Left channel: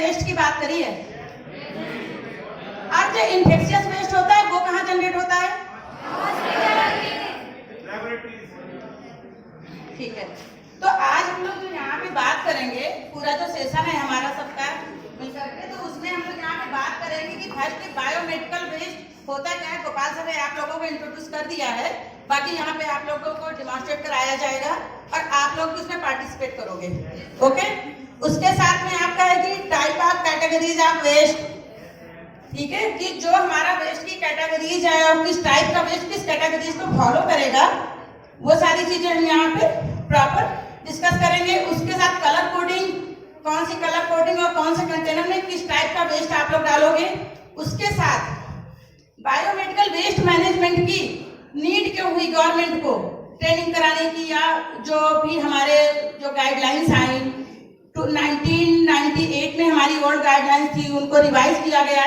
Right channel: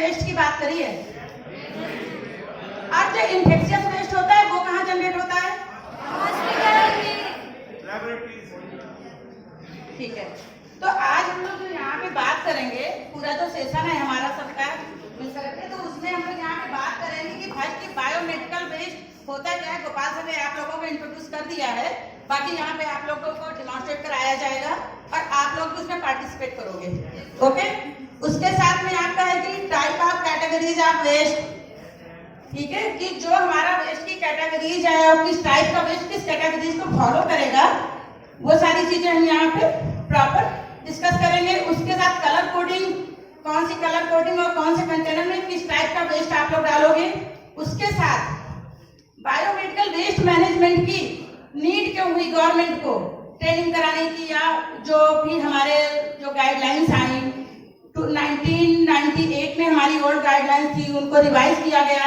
Waste की बात करी है। और जो इन्फेक्शियस वेस्ट होता है वो कहाँ जनरेट होता है? ठीक है, तो आज हम लोग जो यहाँ पे बात करेंगे, पूरा जो सेशन है हमारा सबका मिल करके, तो उसमें हम लोग यहाँ पे बात करेंगे कि फर्स्ट बायोमेडिकल वेस्ट होता क्या है। गोपाल सर ने आप लोगों को इंट्रोड्यूस कर दिया है, बाकी यहाँ पे आप लोगों को डिमॉन्स्ट्रेट कराया जाएगा और आप लोग भी उसमें पार्टिसिपेट करोगे। ओके, उसके साथ में आपका है कि type of categories of waste, ठीक है, कि जो हमारा वेस्ट की कैटेगरीज है और किस टाइप का वेस्ट किस कैटेगरीज को फॉलो करेगा, वो सारी चीजें हम यहाँ पे प्रॉपर डिस्कस करेंगे। उसके साथ कलर कोडिंग, कौन सी कलर कोडिंग और कौन से कंटेनर में किस टाइप का वेस्ट आप लोग डालोगे। उसके साथ बायोमेडिकल वेस्ट मैनेजमेंट की नीड क्यों हुई गवर्नमेंट को ट्रेनिंग कराने की, या जो भी हमारे जो गाइडलाइंस आई 1998 में हमारी ओल्ड गाइडलाइंस थी, उनको रिवाइज किया गया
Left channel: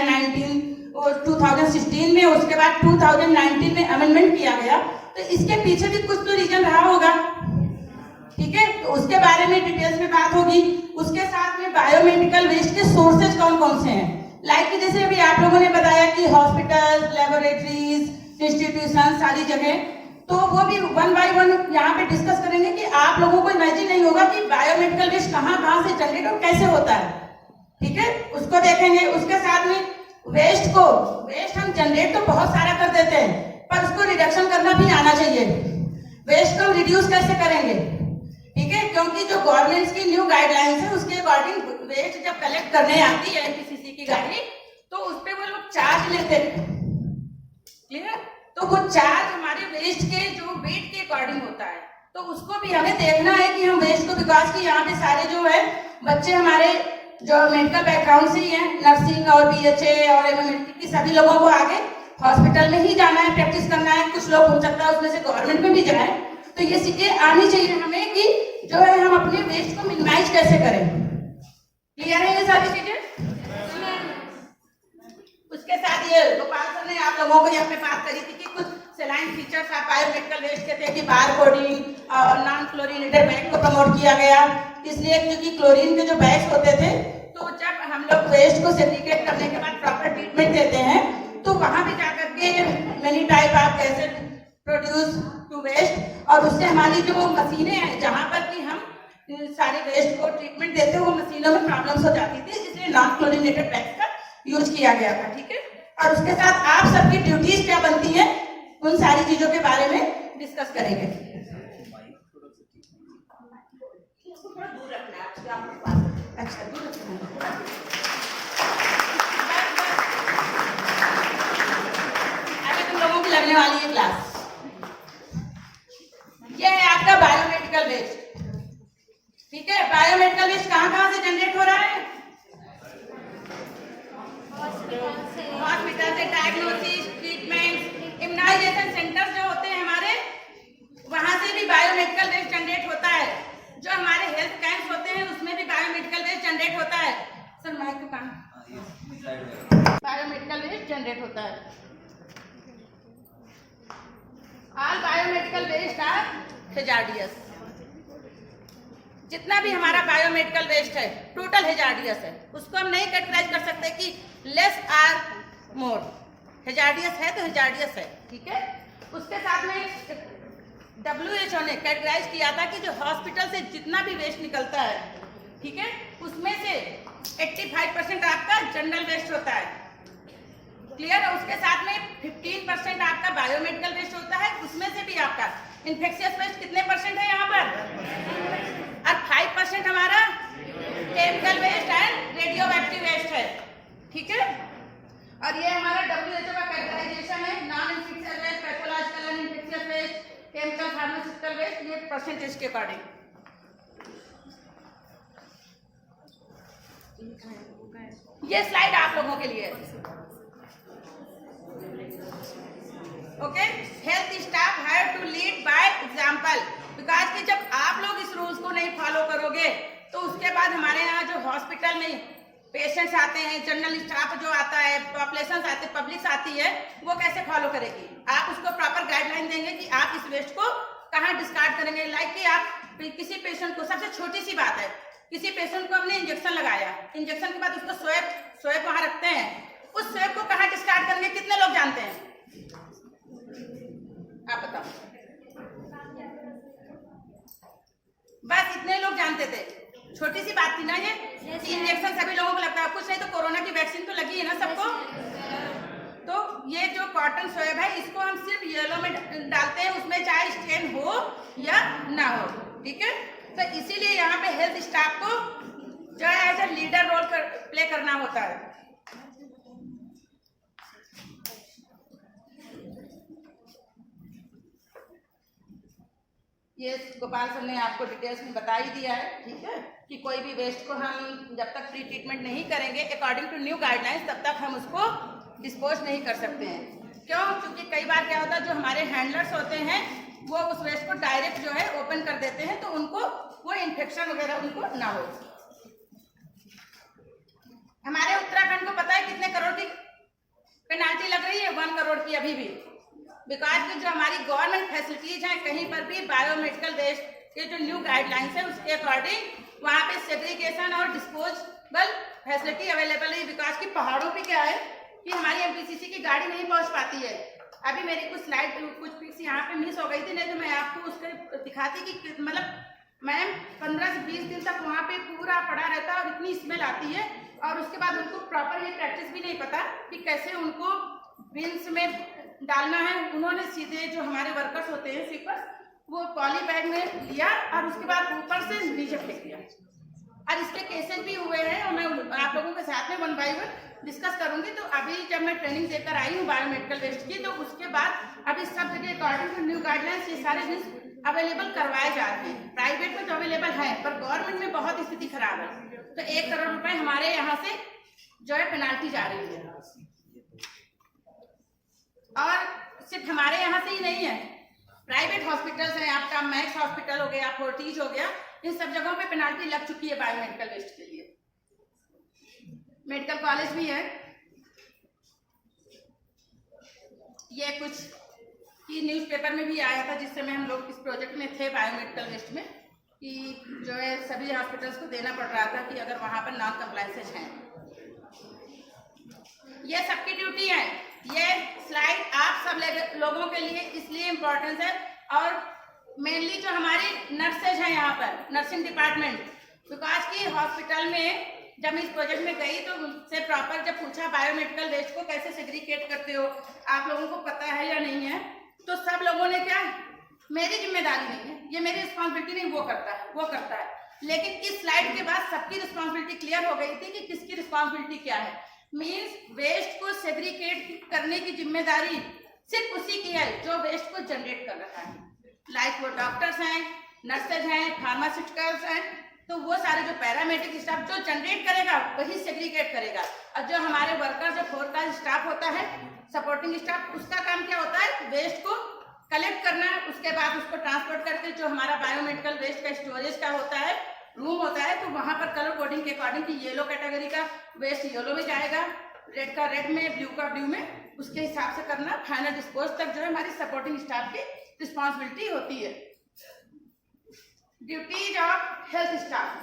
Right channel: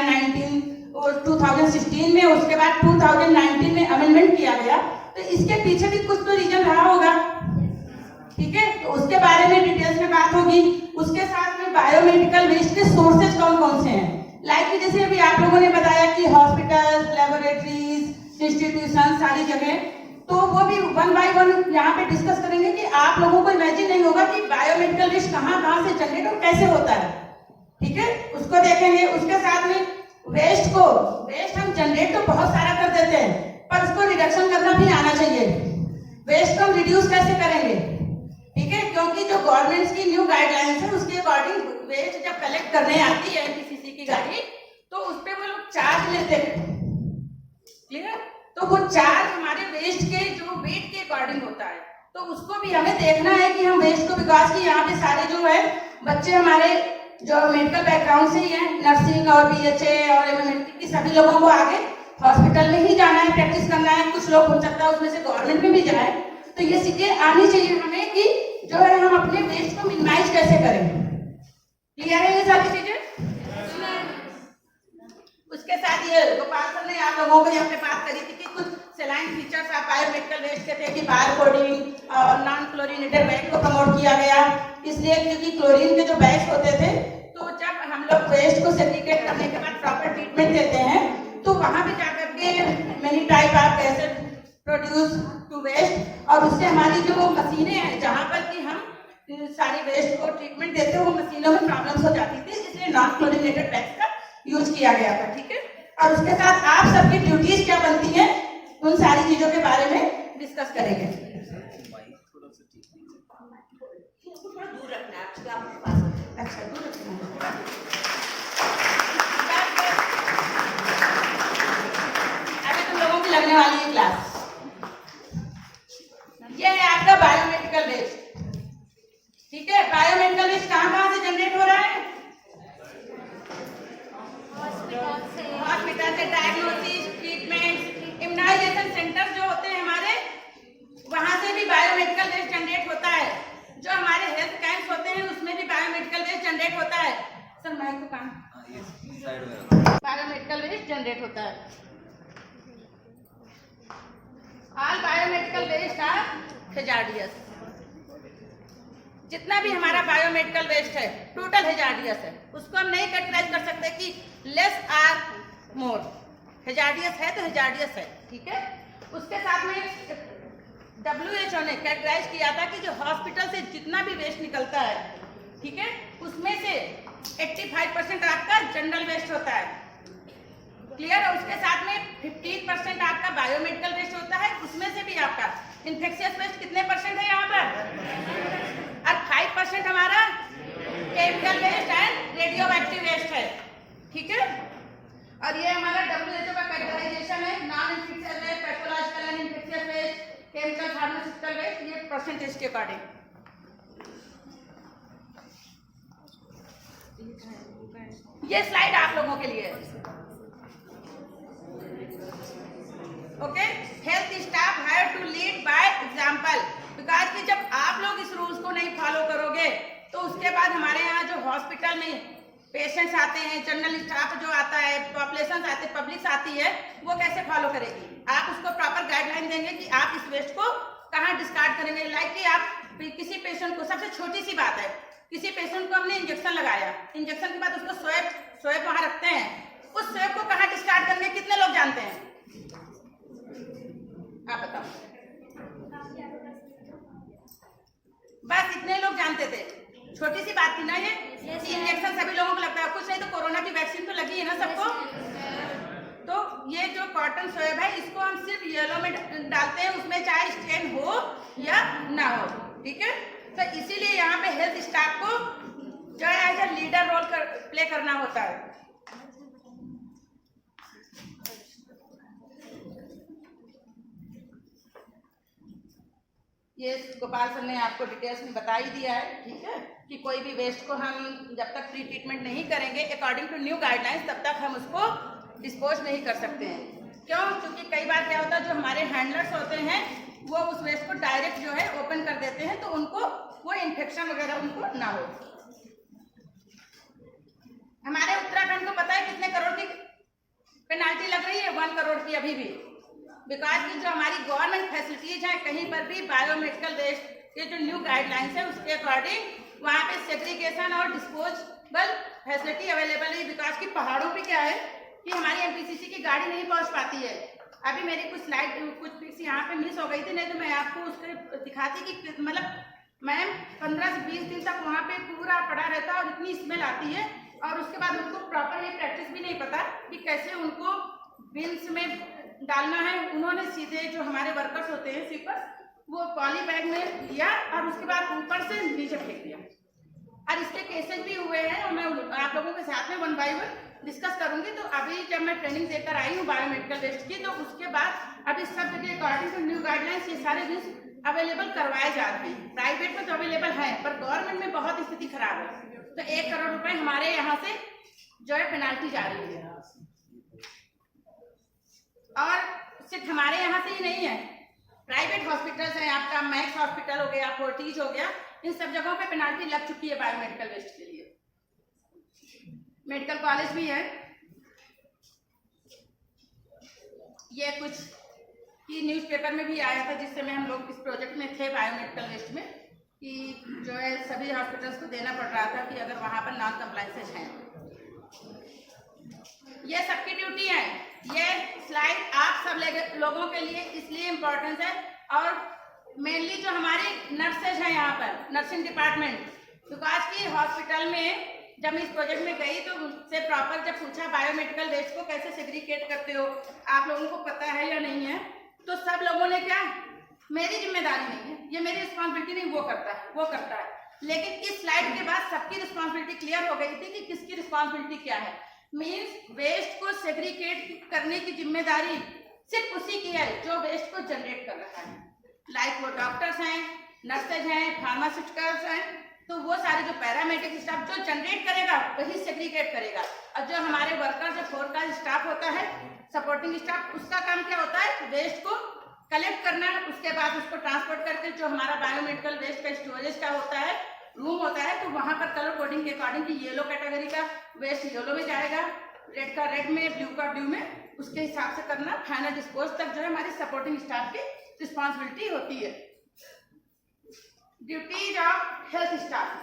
2016 में, उसके बाद 2019 में अमेंडमेंट किया गया। तो इसके पीछे भी कुछ तो रीजन रहा होगा, ठीक है, तो उसके बारे में डिटेल्स में बात होगी। उसके साथ में बायोमेडिकल वेस्ट के सोर्सेज कौन कौन से हैं, लाइक कि जैसे अभी आप लोगों ने बताया कि हॉस्पिटल, लेबोरेटरीज, इंस्टीट्यूशन, सारी जगह, तो वो भी वन बाय वन यहाँ पे डिस्कस करेंगे कि आप लोगों को इमेजिन नहीं होगा कि बायोमेडिकल वेस्ट कहाँ से जनरेट और कैसे होता है, ठीक है, उसको देखेंगे। उसके साथ में वेस्ट हम जनरेट तो बहुत सारा कर देते हैं, पर उसको रिडक्शन करना भी आना चाहिए। वेस्ट को रिड्यूस कैसे करेंगे, ठीक है, क्योंकि जो गवर्नमेंट की न्यू गाइडलाइंस है उसके अकॉर्डिंग वेस्ट जब कलेक्ट करने आती है एनपीसीसी की गाड़ी, तो उस पर वो लोग चार्ज लेते हैं, क्लियर, तो वो चार्ज हमारे वेस्ट के जो वेट के अकॉर्डिंग होता है, तो उसको भी हमें देखना है कि हम वेस्ट को, विकास की यहाँ पे सारे जो है बच्चे हमारे जो मेडिकल बैकग्राउंड से ही है, नर्सिंग और बीएचए और एमएमएलटी की, सभी लोगों को आगे हॉस्पिटल में ही जाना है, प्रैक्टिस करना है। कुछ लोग हो सकता है उसमें से गवर्नमेंट में भी जाए, तो ये चीजें आनी चाहिए हमें कि जो है हम अपने वेस्ट को मिनिमाइज कैसे करें। क्लियर है ये सारी चीजें? उसके साथ ये गोपाल सर ने आप लोगों को यहाँ पे बात करी थी कि कुछ सेलाइन फीचर्स आप बायोमेडिकल वेस्ट के थे कि बार कोडिंग और नॉन क्लोरीनेटेड बैग को प्रमोट किया गया, इसलिए क्योंकि क्लोरीन के जो बैग्स होते थे, तो जब हम लोग वेस्ट को सेग्रीगेट करने के बाद प्रॉपर ट्रीटमेंट देते हैं, तो वहां भी जाकर के many type of acid produce to waste, और उससे हमारी जो मशीनें हैं जहां पर कि हम सारे वेस्ट को ट्रीटमेंट देते हैं, वो मशीनों में प्रॉब्लम्स हो जाती थी, इसलिए नॉन क्लोरीनेटेड बैग्स का यूज किया गया था, ठीक है। और उसके साथ आप सबकी ड्यूटीज क्या बनती है, उन सारी चीजों के बारे में डिस्कस करेंगे। अच्छा, दूर रखना। अभी तुम लोगों की लगने वाली है क्लास। ये है आपका बायोमेडिकल वेस्ट, ठीक है। बायोमेडिकल वेस्ट कहाँ से जनरेट हो रहा है? हॉस्पिटल से, डायग्नोसिस, ट्रीटमेंट, इम्यूनाइजेशन सेंटर जो होते हैं हमारे, वहां से भी बायोमेडिकल वेस्ट जनरेट होता है। जो हमारे हेल्थ कैंप्स होते हैं उसमें भी बायोमेडिकल वेस्ट जनरेट होता है। सर माइक तो काम, बायोमेडिकल वेस्ट जनरेट होता है। All biomedical waste are hazardous. जितना भी हमारा बायोमेडिकल वेस्ट है टोटल हैजार्डियस है, उसको हम नहीं कैटेगराइज कर सकते कि लेस आर मोर। हैजार्डियस है तो हैजार्डियस है, ठीक है। उसके साथ में WHO ने कैटेगराइज किया था कि जो हॉस्पिटल से जितना भी वेस्ट निकलता है, ठीक है, उसमें से 85% आपका जनरल वेस्ट होता है, क्लियर। और उसके साथ में 15% आपका बायोमेडिकल वेस्ट होता है, उसमें से भी आपका इन्फेक्शियस वेस्ट कितने परसेंट है यहाँ पर, और 5% हमारा chemical waste and radioactive waste है, ठीक है। और ये हमारा WHO का कैटेगराइजेशन है, non infectious waste, pathological and infectious waste, chemical pharmaceutical waste, ये परसेंटेज के अकॉर्डिंग। ये स्लाइड आप लोगों के लिए है, okay. Health staff have to lead by example, because कि जब आप लोग इस रूल्स को नहीं फॉलो करोगे तो उसके बाद हमारे यहाँ जो हॉस्पिटल में पेशेंट्स आते हैं, जनरल स्टाफ जो आता है, पॉपुलेशन आते, पब्लिक आती है, वो कैसे फॉलो करेगी। आप उसको प्रॉपर गाइडलाइन देंगे कि आप इस वेस्ट को कहाँ डिस्कार्ड करेंगे। लाइक कि आप किसी पेशेंट को, सबसे छोटी सी बात है किसी पेशेंट को हमने इंजेक्शन लगाया, इंजेक्शन के बाद उसको स्वैप वहां रखते हैं, उस स्वैप को कहाँ डिस्कार्ड करेंगे कितने लोग जानते हैं? आप बताओ। बस इतने लोग जानते थे, छोटी सी बात थी ना ये। इंजेक्शन सभी लोगों को लगता है, कुछ नहीं तो कोरोना की वैक्सीन तो लगी है ना सबको। तो ये जो कॉटन स्वैब है इसको हम सिर्फ येलो में डालते हैं, उसमें चाहे स्ट्रेन हो या ना हो, ठीक है। तो इसीलिए यहाँ पे हेल्थ स्टाफ को जो है as a leader role play करना होता है। ये गोपाल सर ने आपको डिटेल्स में बता ही दिया है, ठीक है, कि कोई भी वेस्ट को हम जब तक प्री ट्रीटमेंट नहीं करेंगे अकॉर्डिंग टू न्यू गाइडलाइंस, तब तक हम उसको डिस्पोज नहीं कर सकते हैं। क्यों? क्योंकि कई बार क्या होता है, जो हमारे हैंडलर्स होते हैं वो उस वेस्ट को डायरेक्ट जो है ओपन कर देते हैं, तो उनको वो इन्फेक्शन वगैरह उनको ना हो। हमारे उत्तराखंड को पता है कितने करोड़ की पेनाल्टी लग रही है? 1 करोड़ की अभी भी, बिकॉज की जो हमारी गवर्नमेंट फैसिलिटीज हैं कहीं पर भी बायोमेडिकल वेस्ट के जो न्यू गाइडलाइंस है उसके अकॉर्डिंग वहाँ पे सेग्रीगेशन और डिस्पोजेबल फैसिलिटी अवेलेबल है। बिकॉज की पहाड़ों पे क्या है कि हमारी एमपीसीसी की गाड़ी नहीं पहुंच पाती है। अभी मेरी कुछ स्लाइड कुछ पिक्स यहाँ पे मिस हो गई थी, नहीं तो मैं आपको उसके दिखाती कि मतलब मैम 15 से 20 दिन तक वहाँ पे पूरा पड़ा रहता है और इतनी स्मेल आती है, और उसके बाद उनको प्रॉपर ये प्रैक्टिस भी नहीं पता कि कैसे उनको बिन्स में डालना है। उन्होंने सीधे जो हमारे वर्कर्स होते हैं स्वीपर्स, वो पॉली बैग में लिया और उसके बाद ऊपर से नीचे फेंक दिया, और इसके केसेस भी हुए हैं और मैं आप लोगों के साथ में 1 बाय 1 डिस्कस करूंगी। तो अभी जब मैं ट्रेनिंग देकर आई हूँ बायोमेडिकल वेस्ट की, तो उसके बाद अभी सब जगह अकॉर्डिंग टू न्यू गाइडलाइंस ये सारे बिल्स अवेलेबल करवाए जा रहे हैं। प्राइवेट में तो अवेलेबल है, पर गवर्नमेंट में बहुत स्थिति खराब है। तो 1 करोड़ रुपए हमारे यहाँ से जो है पेनाल्टी जा रही है, और सिर्फ हमारे यहाँ से ही नहीं है, प्राइवेट हॉस्पिटल्स हैं, आपका मैक्स हॉस्पिटल हो गया, फोर्टिज हो गया, इन सब जगहों पे पेनाल्टी लग चुकी है बायोमेडिकल वेस्ट के लिए। मेडिकल कॉलेज भी है। ये कुछ की न्यूज़पेपर में भी आया था जिस समय हम लोग इस प्रोजेक्ट में थे बायोमेडिकल वेस्ट में, कि जो है सभी हॉस्पिटल्स को देना पड़ रहा था कि अगर वहां पर नॉन कंप्लायंसेस हैं। ये सबकी ड्यूटी है। ये स्लाइड आप सब लोगों के लिए इसलिए इम्पोर्टेंस है, और मेनली जो हमारी नर्सेज हैं यहाँ पर, नर्सिंग डिपार्टमेंट, बिकॉज की हॉस्पिटल में जब मैं इस प्रोजेक्ट में गई तो उनसे प्रॉपर जब पूछा बायोमेडिकल वेस्ट को कैसे सेग्रीगेट करते हो, आप लोगों को पता है या नहीं है, तो सब लोगों ने क्या, मेरी जिम्मेदारी नहीं है, ये मेरी रिस्पॉन्सिबिलिटी नहीं, वो करता है। लेकिन इस स्लाइड के बाद सबकी रिस्पॉन्सिबिलिटी क्लियर हो गई थी कि किसकी रिस्पॉन्सिबिलिटी क्या है। मीन्स वेस्ट को सेग्रीगेट करने की जिम्मेदारी सिर्फ उसी की है जो वेस्ट को जनरेट कर रहा है। लाइक वो डॉक्टर्स हैं, नर्सेज हैं, फार्मास्यूटिकल्स हैं, तो वो सारे जो पैरामेडिक स्टाफ जो जनरेट करेगा वही सेग्रीगेट करेगा। और जो हमारे वर्कर जो 4 का स्टाफ होता है, सपोर्टिंग स्टाफ, उसका काम क्या होता है, वेस्ट को कलेक्ट करना, उसके बाद उसको ट्रांसपोर्ट करके जो हमारा बायोमेडिकल वेस्ट का स्टोरेज का होता है रूम होता है, तो वहां पर कलर कोडिंग के अकॉर्डिंग की येलो कैटेगरी का वेस्ट येलो में जाएगा, रेड का रेड में, ब्लू का ब्लू में, उसके हिसाब से करना। फाइनल डिस्पोज तक जो है हमारी सपोर्टिंग स्टाफ की रिस्पॉन्सिबिलिटी होती है। ड्यूटीज ऑफ हेल्थ स्टाफ,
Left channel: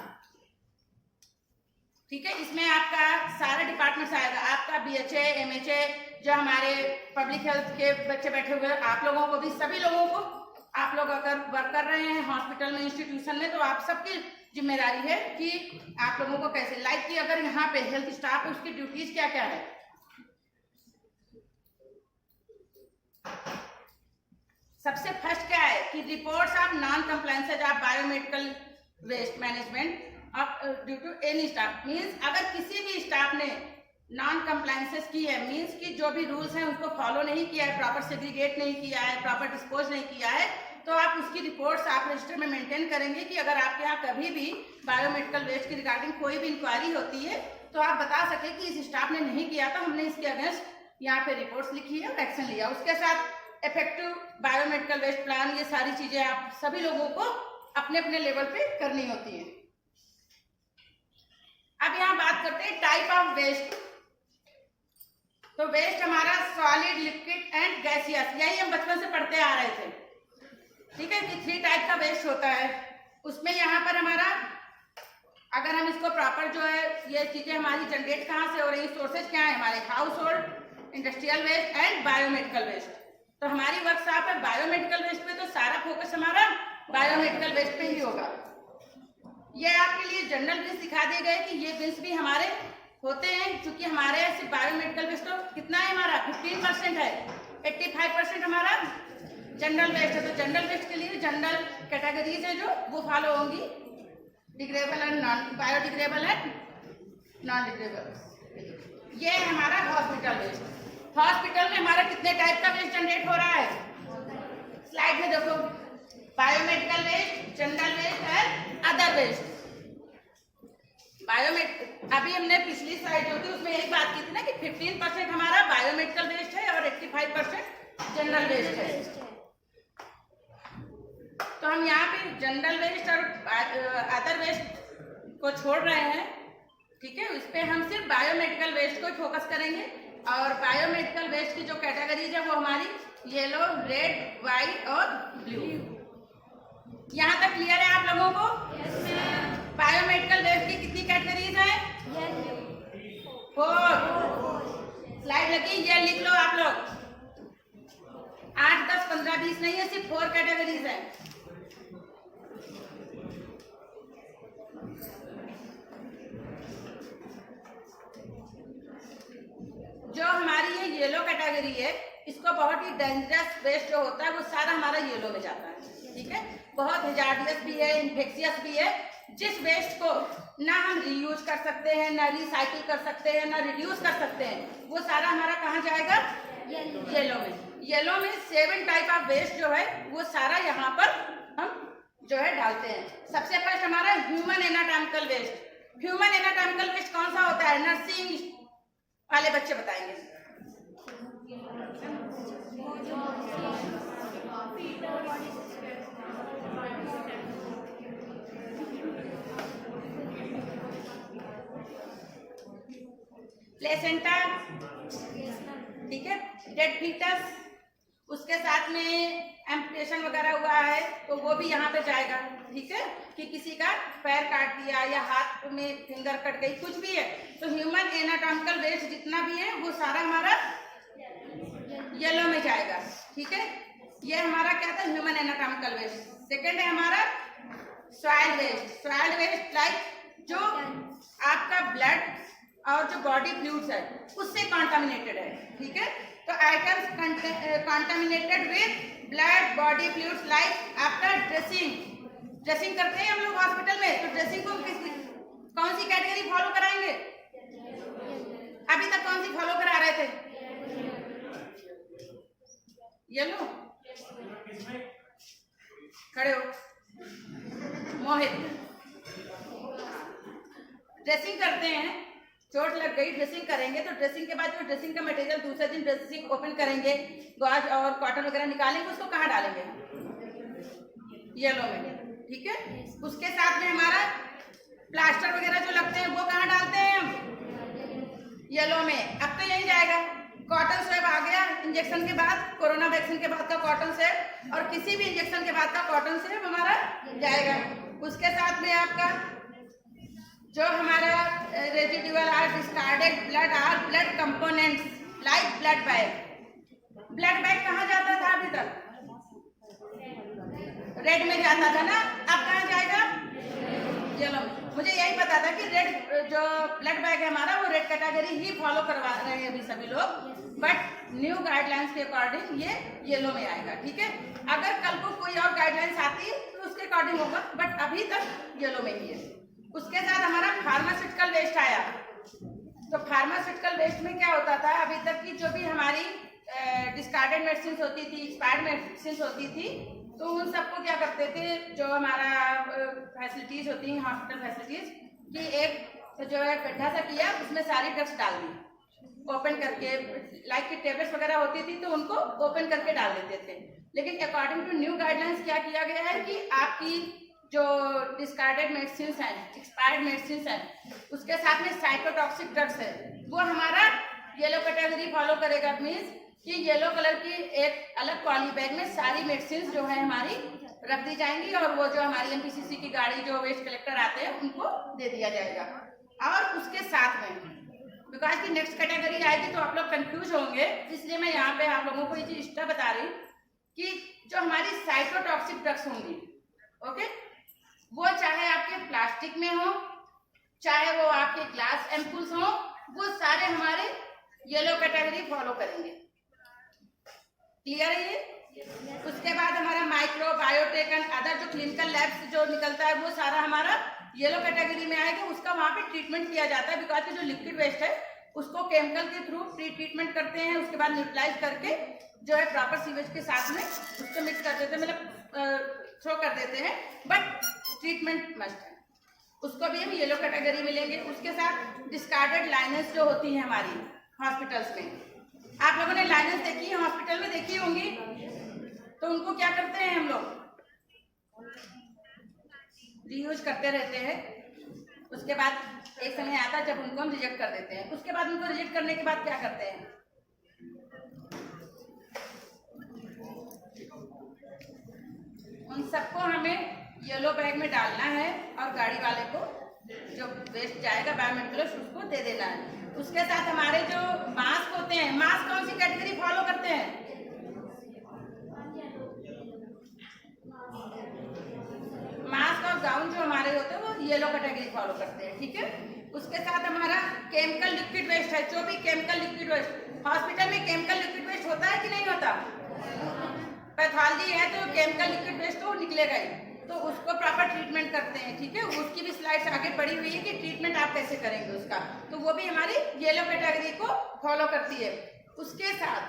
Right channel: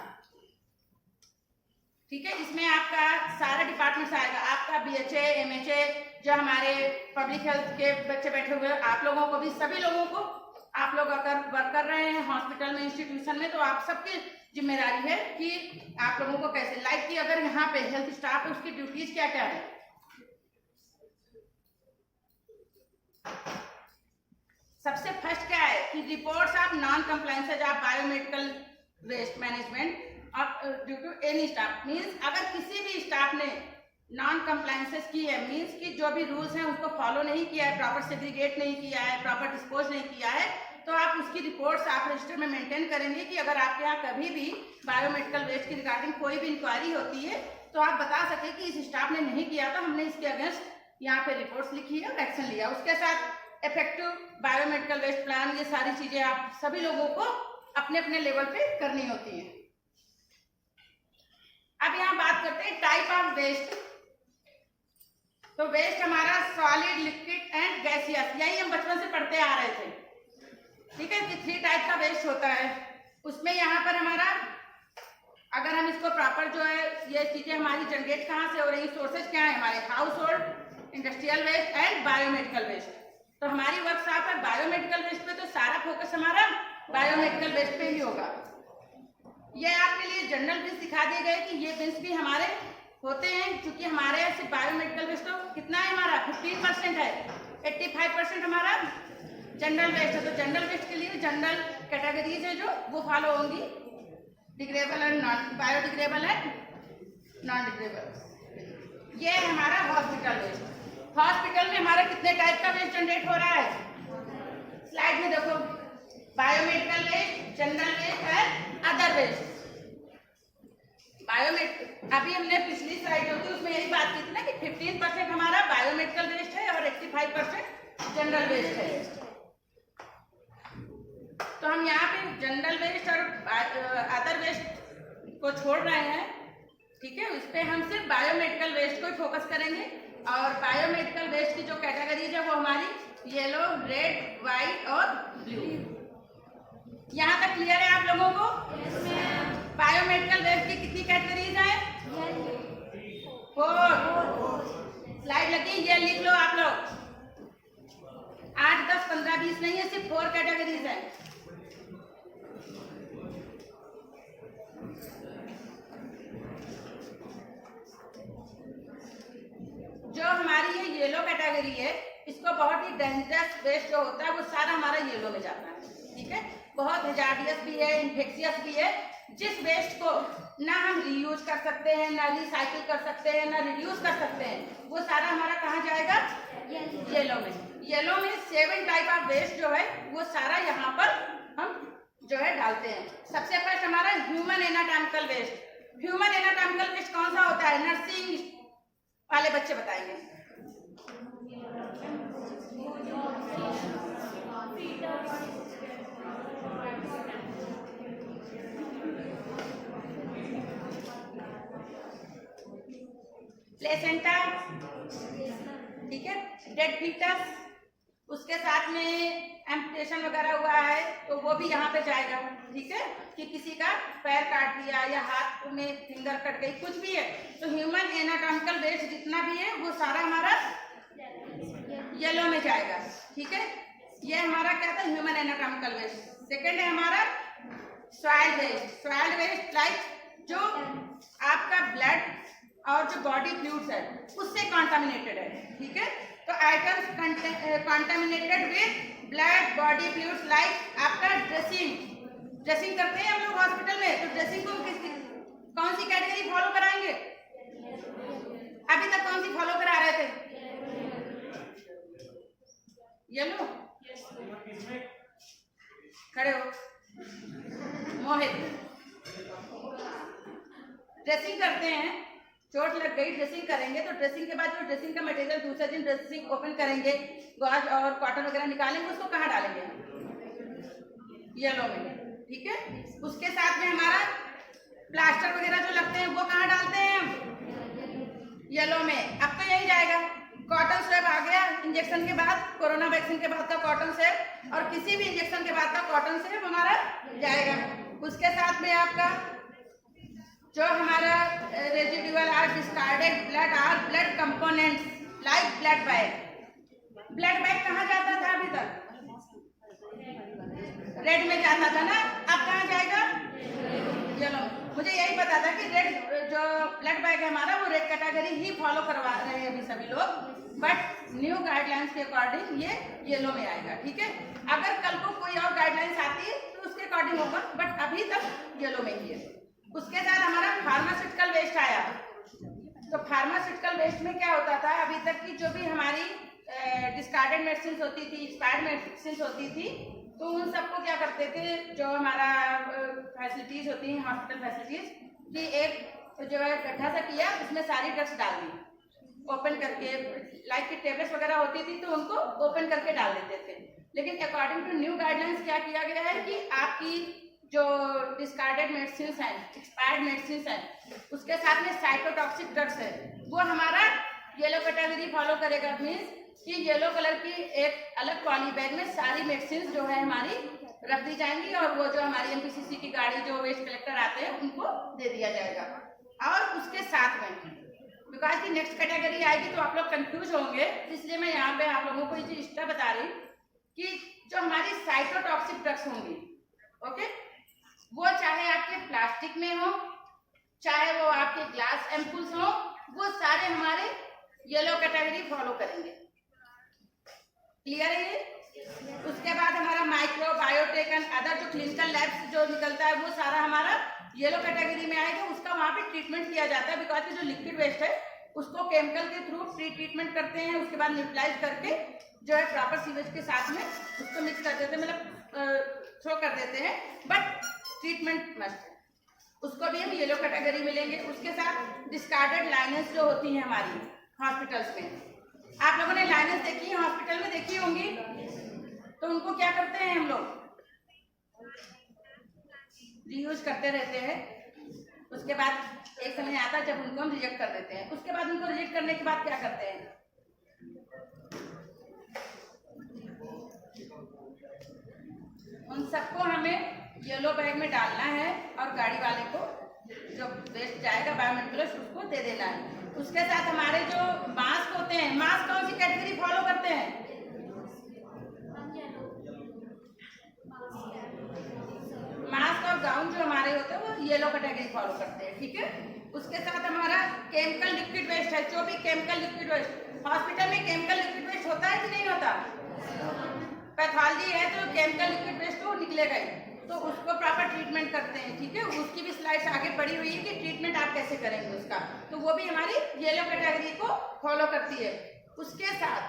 ठीक है, इसमें आपका सारे डिपार्टमेंट्स आएगा, आपका BHA, MHA, जो हमारे पब्लिक हेल्थ के बच्चे बैठे हुए, आप लोगों को भी, सभी लोगों को, आप लोग अगर वर्क कर रहे हैं हॉस्पिटल में, इंस्टीट्यूशन में, तो आप सबकी जिम्मेदारी है कि आप लोगों को कैसे, लाइक कि अगर यहाँ पे हेल्थ स्टाफ है उसकी ड्यूटीज क्या क्या है। सबसे फर्स्ट क्या है कि reports of non compliances of biomedical waste management due to any staff. Means अगर किसी भी स्टाफ ने नॉन कंप्लायंसेस की है, मीन्स कि जो भी रूल्स हैं उसको फॉलो नहीं किया है, प्रॉपर सेग्रीगेट नहीं किया है, प्रॉपर डिस्पोज नहीं किया है, तो आप उसकी रिपोर्ट्स आप रजिस्टर में मेंटेन करेंगे कि अगर आपके यहाँ कभी भी बायोमेडिकल वेस्ट की रिगार्डिंग कोई भी इंक्वायरी होती है तो आप बता सकते कि इस स्टाफ ने नहीं किया था, हमने इसके अगेंस्ट यहाँ पे रिपोर्ट्स लिखी है और एक्शन लिया। उसके साथ इफेक्टिव बायोमेडिकल वेस्ट प्लान, ये सारी चीजें आप सभी लोगों को अपने अपने लेवल पे करनी होती है। अब यहाँ बात करते हैं टाइप ऑफ वेस्ट। तो वेस्ट हमारा सॉलिड, लिक्विड एंड गैसियस, यही हम बचपन से पढ़ते आ रहे थे, ठीक है, कि 3 टाइप का वेस्ट होता है। उसमें यहाँ पर हमारा अगर हम इसको प्रॉपर जो है ये चीजें हमारी जनरेट कहाँ से हो रही है, सोर्सेज क्या है हमारे, household, industrial waste and biomedical waste. तो हमारी वर्कशॉप है बायोमेडिकल वेस्ट पे, तो सारा फोकस हमारा बायोमेडिकल वेस्ट पे ही होगा। ये आपके लिए जनरल बिन्स दिखा दिए गए कि ये बिन्स भी हमारे होते हैं, क्योंकि हमारे यहाँ सिर्फ बायोमेडिकल वेस्ट तो कितना है हमारा 15% है, 85% हमारा जनरल वेस्ट है। तो जनरल वेस्ट के लिए जनरल कैटेगरीज है जो वो फॉलो होंगी, degradable and non biodegradable and non degradable. ये है हमारा हॉस्पिटल वेस्ट। हॉस्पिटल में हमारा कितने टाइप का वेस्ट जनरेट हो रहा है, स्लाइड में देखो, biomedical waste, general waste and other waste. Biomedical अभी हमने पिछली स्लाइड जो थी उसमें यही बात की थी ना कि 15% हमारा बायोमेडिकल वेस्ट है और 85% जनरल वेस्ट है। तो हम यहाँ पे जनरल वेस्ट और अदर वेस्ट को छोड़ रहे हैं, ठीक है। इस पे हम सिर्फ बायोमेडिकल वेस्ट को फोकस करेंगे। और बायोमेडिकल वेस्ट की जो कैटेगरीज है वो हमारी येलो, रेड, व्हाइट और ब्लू। यहाँ तक क्लियर है आप लोगों को? बायोमेडिकल वेस्ट की कितनी कैटेगरीज है? 4। स्लाइड लगी, ये लिख लो आप लोग, 8, 10, 15, 20 नहीं है, सिर्फ 4 कैटेगरीज है। जो हमारी ये येलो कैटेगरी है, इसको बहुत ही डेंजरस वेस्ट जो होता है वो सारा हमारा येलो में जाता है, ठीक है। बहुत हजार्डियस भी है, इन्फेक्शियस भी है। जिस वेस्ट को ना हम रीयूज कर सकते हैं, ना रिसाइकिल कर सकते हैं, ना रिड्यूस कर सकते हैं, वो सारा हमारा कहाँ जाएगा? येलो में। येलो में 7 टाइप ऑफ वेस्ट जो है वो सारा यहाँ पर हम जो है डालते हैं। सबसे फर्स्ट हमारा human anatomical waste. Human anatomical waste कौन सा होता है? नर्सिंग वाले बच्चे बताएंगे। प्लेसेंटा, ठीक है, डेड फीटस, उसके साथ में एम्पुटेशन वगैरह हुआ है तो वो भी यहाँ पे जाएगा, ठीक है, कि किसी का पैर काट दिया या हाथ में फिंगर कट गई, कुछ भी है। तो ह्यूमन एनाटॉमिकल वेस्ट जितना भी है वो सारा हमारा येलो में जाएगा, ठीक है। ये हमारा क्या था? Human anatomical waste. सेकेंड है हमारा soil waste. Soil waste like जो आपका ब्लड और जो बॉडी फ्लूइड्स है उससे कॉन्टामिनेटेड है, ठीक है। तो items contaminated with blood, body fluids like आपका ड्रेसिंग करते हैं हम लोग हॉस्पिटल में, तो ड्रेसिंग को कौन सी कैटेगरी फॉलो कराएंगे? अभी तक कौन सी फॉलो करा रहे थे? येलो, खड़े हो, मोहित। ड्रेसिंग करते हैं, चोट लग गई, ड्रेसिंग करेंगे, तो ड्रेसिंग के बाद जो ड्रेसिंग का मटेरियल दूसरे दिन ड्रेसिंग ओपन करेंगे, गॉज और कॉटन वगैरह निकालेंगे, उसको कहाँ डालेंगे? येलो में, ठीक है। उसके साथ में हमारा प्लास्टर वगैरह जो लगते हैं वो कहाँ डालते हैं हम? येलो में। अब तो यही जाएगा। कॉटन स्वैब आ गया इंजेक्शन के बाद, कोरोना वैक्सीन के बाद का कॉटन स्वैब और किसी भी इंजेक्शन के बाद का कॉटन स्वैब हमारा जाएगा। उसके साथ में आपका जो हमारा residual or discarded blood or blood components like blood bag. Blood bag कहाँ जाता था अभी तक? रेड में जाता था ना, अब कहाँ जाएगा? येलो। मुझे यही पता था कि रेड जो ब्लड बैग है हमारा वो रेड कैटेगरी ही फॉलो करवा रहे हैं अभी सभी लोग, बट न्यू गाइडलाइंस के अकॉर्डिंग ये येलो में आएगा, ठीक है। अगर कल को कोई और गाइडलाइंस आती है तो उसके अकॉर्डिंग होगा, बट अभी तक येलो में ही है। उसके साथ हमारा फार्मास्यूटिकल वेस्ट आया। तो फार्मास्यूटिकल वेस्ट में क्या होता था? अभी तक की जो भी हमारी डिस्कार्डेड मेडिसिन होती थी, एक्सपायर्ड मेडिसिन होती थी, तो उन सबको क्या करते थे, जो हमारा फैसिलिटीज होती हैं हॉस्पिटल फैसिलिटीज, कि एक जो है गड्ढा सा किया, उसमें सारी ड्रग्स डाल दी ओपन करके, लाइक की टेबलेट्स वगैरह होती थी तो उनको ओपन करके डाल देते थे। लेकिन अकॉर्डिंग टू न्यू गाइडलाइंस क्या किया गया है कि आपकी जो डिस्कार्डेड मेडिसिन हैं, एक्सपायर्ड मेडिसिन हैं, उसके साथ में साइकोटॉक्सिक ड्रग्स है, वो हमारा येलो कैटेगरी फॉलो करेगा। मीन्स कि येलो कलर की एक अलग पॉली बैग में सारी मेडिसिन जो है हमारी रख दी जाएंगी और वो जो हमारी एमपीसीसी की गाड़ी जो वेस्ट कलेक्टर आते हैं उनको दे दिया जाएगा। और उसके साथ में बिकॉज की नेक्स्ट कैटेगरी आएगी तो आप लोग कंफ्यूज होंगे, इसलिए मैं यहाँ पे आप लोगों को ये चीज इसलिए बता रही कि जो हमारी साइटोटॉक्सिक ड्रग्स होंगी, ओके, वो चाहे आपके प्लास्टिक में हो, चाहे वो आपके ग्लास एम्पुल्स हो, वो सारे हमारे येलो कैटेगरी फॉलो करेंगे। क्लियर है ये? उसके बाद हमारा माइक्रो बायोटेक एंड अदर जो क्लिनिकल लैब्स जो निकलता है वो सारा हमारा येलो कैटेगरी में आएगा। उसका वहां पे ट्रीटमेंट किया जाता है बिकॉज जो लिक्विड वेस्ट है उसको केमिकल के थ्रू ट्रीटमेंट करते हैं, उसके बाद न्यूट्रलाइज करके जो है प्रॉपर सीवेज के साथ में उसको मिक्स कर देते हैं, मतलब थ्रो कर देते हैं, बट ट्रीटमेंट मस्ट है। उसको भी हम येलो कैटेगरी में लेंगे। उसके साथ डिस्कार्डेड लाइनेंस जो होती है हमारी हॉस्पिटल्स में, आप लोगों ने लाइनेंस देखी है, हॉस्पिटल में देखी होंगी, तो उनको क्या करते हैं हम लोग रीयूज करते रहते हैं। उसके बाद एक समय आता है जब उनको हम रिजेक्ट कर देते हैं। उसके बाद उनको रिजेक्ट करने के बाद क्या करते हैं, उन सबको हमें येलो बैग में डालना है और गाड़ी वाले को जो वेस्ट जाएगा बायोमेटेरियल्स उसको दे देना है। उसके साथ हमारे जो मास्क होते हैं, मास्क कौन सी कैटेगरी फॉलो करते हैं, मास्क और गाउन जो हमारे होते हैं वो येलो कैटेगरी फॉलो करते हैं, ठीक है। उसके साथ हमारा केमिकल लिक्विड वेस्ट है, जो भी केमिकल लिक्विड वेस्ट हॉस्पिटल में केमिकल लिक्विड वेस्ट होता है कि नहीं होता, पैथोलॉजी है तो केमिकल लिक्विड वेस्ट तो निकलेगा ही, तो उसको प्रॉपर ट्रीटमेंट करते हैं, ठीक है। उसकी भी स्लाइड्स आगे पड़ी हुई है कि ट्रीटमेंट आप कैसे करेंगे उसका, तो वो भी हमारी येलो कैटेगरी को फॉलो करती है। उसके साथ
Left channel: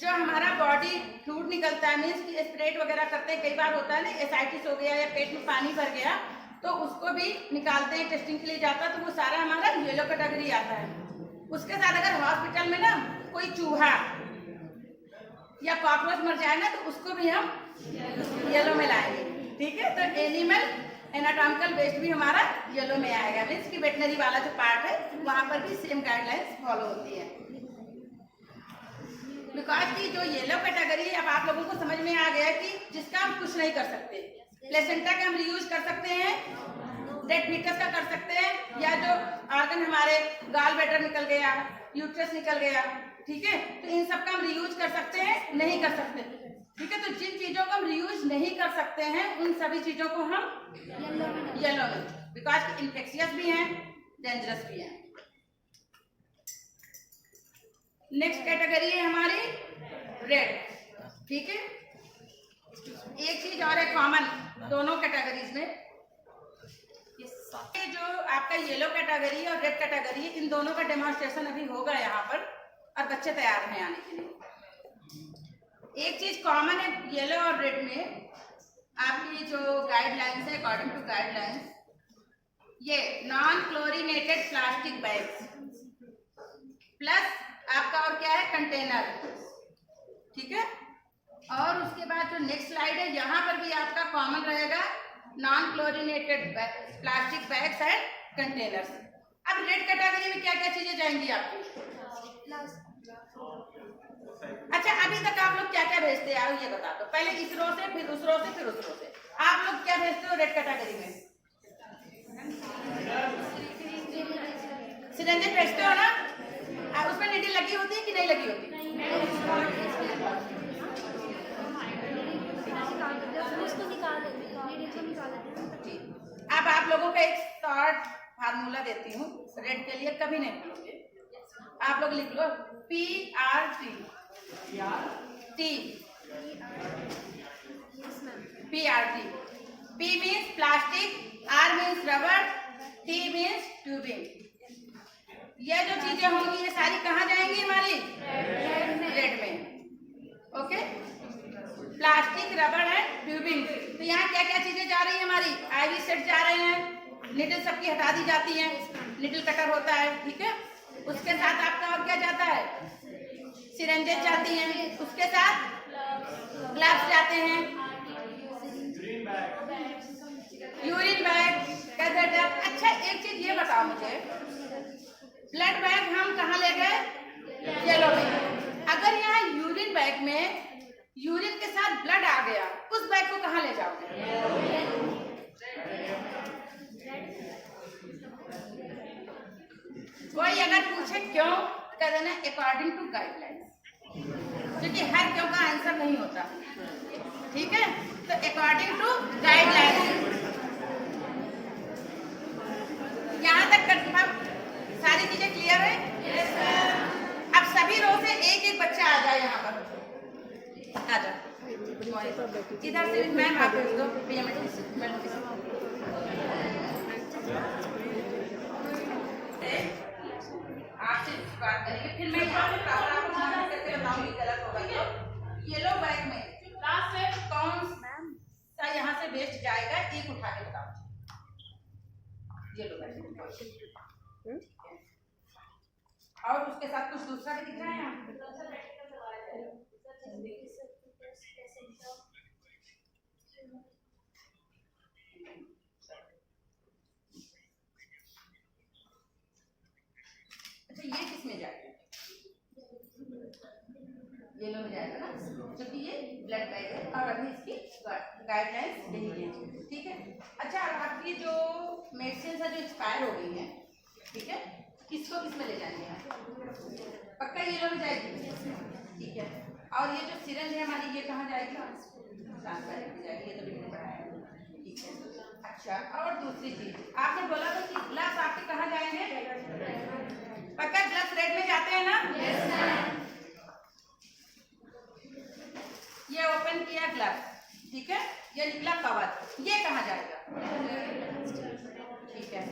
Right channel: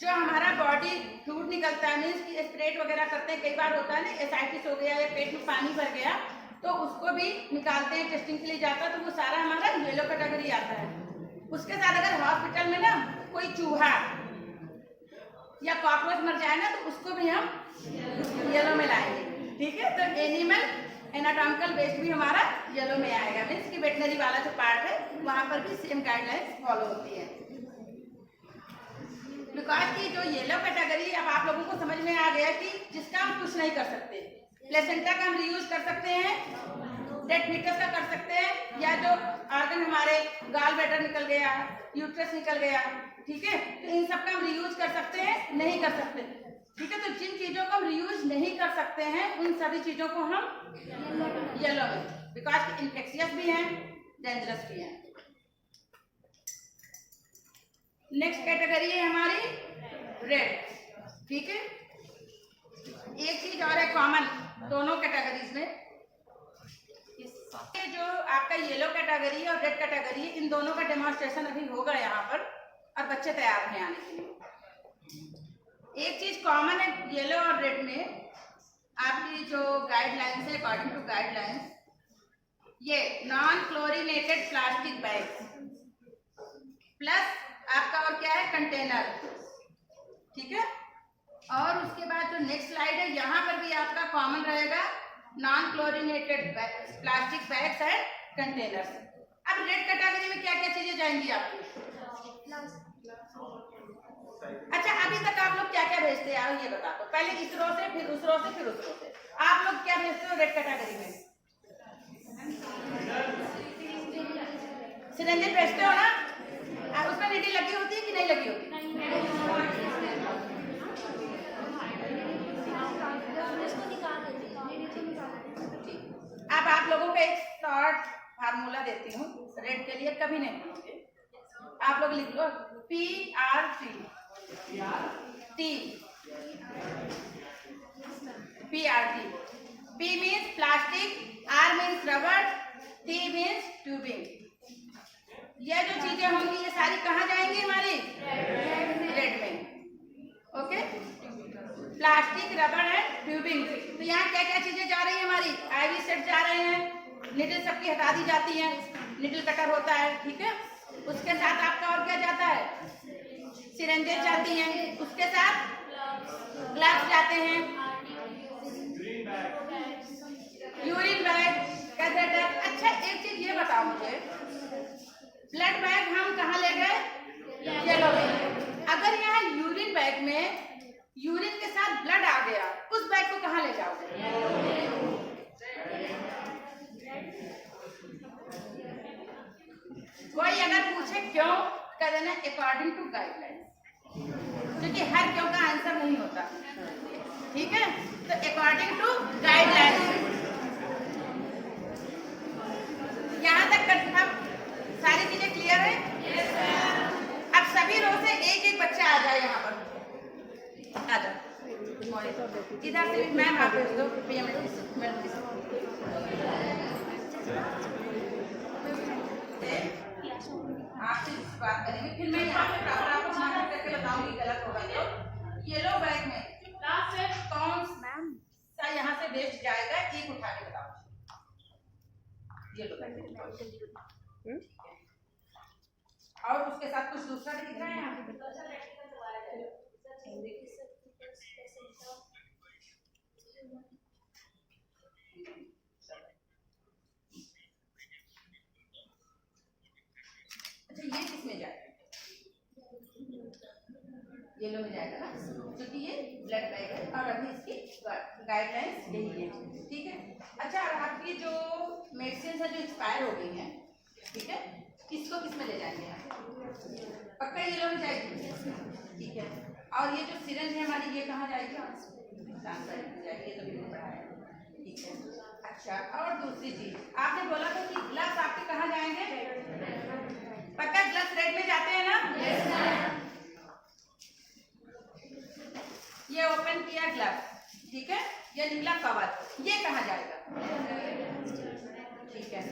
जो हमारा बॉडी फ्लूइड निकलता है, मीन्स स्प्रेड वगैरह करते हैं, कई बार होता है ना एसाइटिस हो गया या पेट में पानी भर गया तो उसको भी निकालते हैं, टेस्टिंग के लिए जाता है, तो वो सारा हमारा येलो कैटेगरी आता है। उसके साथ अगर हॉस्पिटल में ना कोई चूहा या कॉकरोच मर जाए ना तो उसको भी हम येलो में लाएंगे, ठीक है। तो एनिमल एनाटॉमिकल वेस्ट भी हमारा येलो में आएगा, मीन्स की वेटनरी वाला जो पार्ट है वहां पर भी सेम गाइडलाइंस फॉलो होती है। बिकॉज की जो येलो कैटेगरी अब आप लोगों को समझ में आ गया कि जिसका हम कुछ नहीं कर सकते, प्लेसेंटा का हम रीयूज कर सकते हैं, डेड फीटस का कर सकते हैं, या जो ऑर्गन हमारे गाल ब्लैडर निकल गया, यूट्रस निकल गया, ठीक है, तो इन सब का हम रीयूज कर सकते हैं, नहीं कर सकते, ठीक है। तो जिन चीजों को हम रीयूज नहीं कर सकते हैं उन सभी चीजों को हम येलो में, बिकॉज इन्फेक्शियस भी हैं, डेंजरस भी हैं। नेक्स्ट कैटेगरी है हमारी रेड, ठीक है। एक चीज और है कॉमन दोनों कैटेगरीज में, जो आपका येलो कैटेगरी और रेड कैटेगरी, इन दोनों का डेमोन्स्ट्रेशन अभी होगा यहाँ पर और बच्चे तैयार हैं आने के लिए। एक चीज कॉमन है येलो और रेड में, आपकी जो गाइडलाइंस है अकॉर्डिंग टू गाइडलाइंस, ये non chlorinated plastic bags plus आपका और क्या है कंटेनर, ठीक है। और उसके बाद जो नेक्स्ट स्लाइड है यहाँ पर भी आपका कॉमन रहेगा non chlorinated plastic bags and containers. अब रेड कैटेगरी में क्या क्या चीजें जाएंगी आपकी, अच्छा अभी तक आप लोग क्या क्या भेजते हैं ये बता दो, पहले इस रो से फिर उस रो से फिर उस रो से, आप लोग क्या भेजते हो रेड कैटेगरी में, सिरेंज भेजते हो ना, उसमें नीडल लगी होती है कि नहीं लगी होती, अब आप लोगों को एक शॉर्ट फार्मूला देती हूँ रेड के लिए, कभी नहीं भूलोगे, आप लोग लिख लो PRT, PRT, P means plastic, R means rubber, T means tubing. ये जो चीजें होंगी ये सारी कहाँ जाएंगी हमारी रेड में, ओके। प्लास्टिक, रबर है, ट्यूबिंग, तो यहाँ क्या क्या चीजें जा रही है हमारी, IV सेट जा रहे हैं, निडल सबकी हटा दी जाती है, निडल कटर होता है, ठीक है। उसके साथ आपका और क्या जाता है, सिरेंजेस जाती हैं, उसके साथ ग्लव्स जाते हैं, यूरिन बैग, कैथेटर। अच्छा एक चीज ये बताओ मुझे, ब्लड बैग हम कहाँ ले गए, येलो में, अगर यहाँ यूरिन बैग में यूरिन के साथ ब्लड आ गया, उस बैग को कहाँ ले जाओगे? कोई अगर पूछे क्यों, कह देना अकॉर्डिंग टू गाइडलाइंस, क्योंकि हर क्यों का आंसर नहीं होता, ठीक है? तो अकॉर्डिंग टू गाइडलाइंस। यहाँ तक सारी चीजें क्लियर है? अब सभी रो से एक एक बच्चा आ जाए यहाँ पर, आ जाओ इधर से। मैम आप भेज दो आपसे बात करेंगे, फिर मैं यहाँ पे प्रॉपर आपको मार्क करके बताऊंगी गलत होगा तो। येलो बैग में कौन सा यहाँ से वेस्ट जाएगा, एक उठा के बताओ। येलो बैग और उसके साथ कुछ दूसरा भी दिख रहा है यहाँ पे? अच्छा ये किस में जाएगा? येलो में जाएगा ना, क्योंकि ये ब्लड बैग है और अभी इसकी गाइडलाइंस यही है, ठीक है? अच्छा आपकी जो मेडिसिन है जो एक्सपायर हो गई है, ठीक है, किसको किस में ले जाएंगे आप? पक्का येलो में जाएगी, ठीक है? और ये जो सिरंज है हमारी, ये कहाँ जाएगी? ट्रांसफर में जाएगी, ये तो भी मैंने पढ़ाया है, ठीक है? अच्छा और दूसरी चीज आपने बोला था कि ग्लव्स आपके कहाँ जाएंगे? पक्का ग्लव्स रेड में जाते हैं ना? ये ओपन किया ग्लव्स, ठीक है, ये निकला कवर, ये कहाँ जाएगा? ठीक है,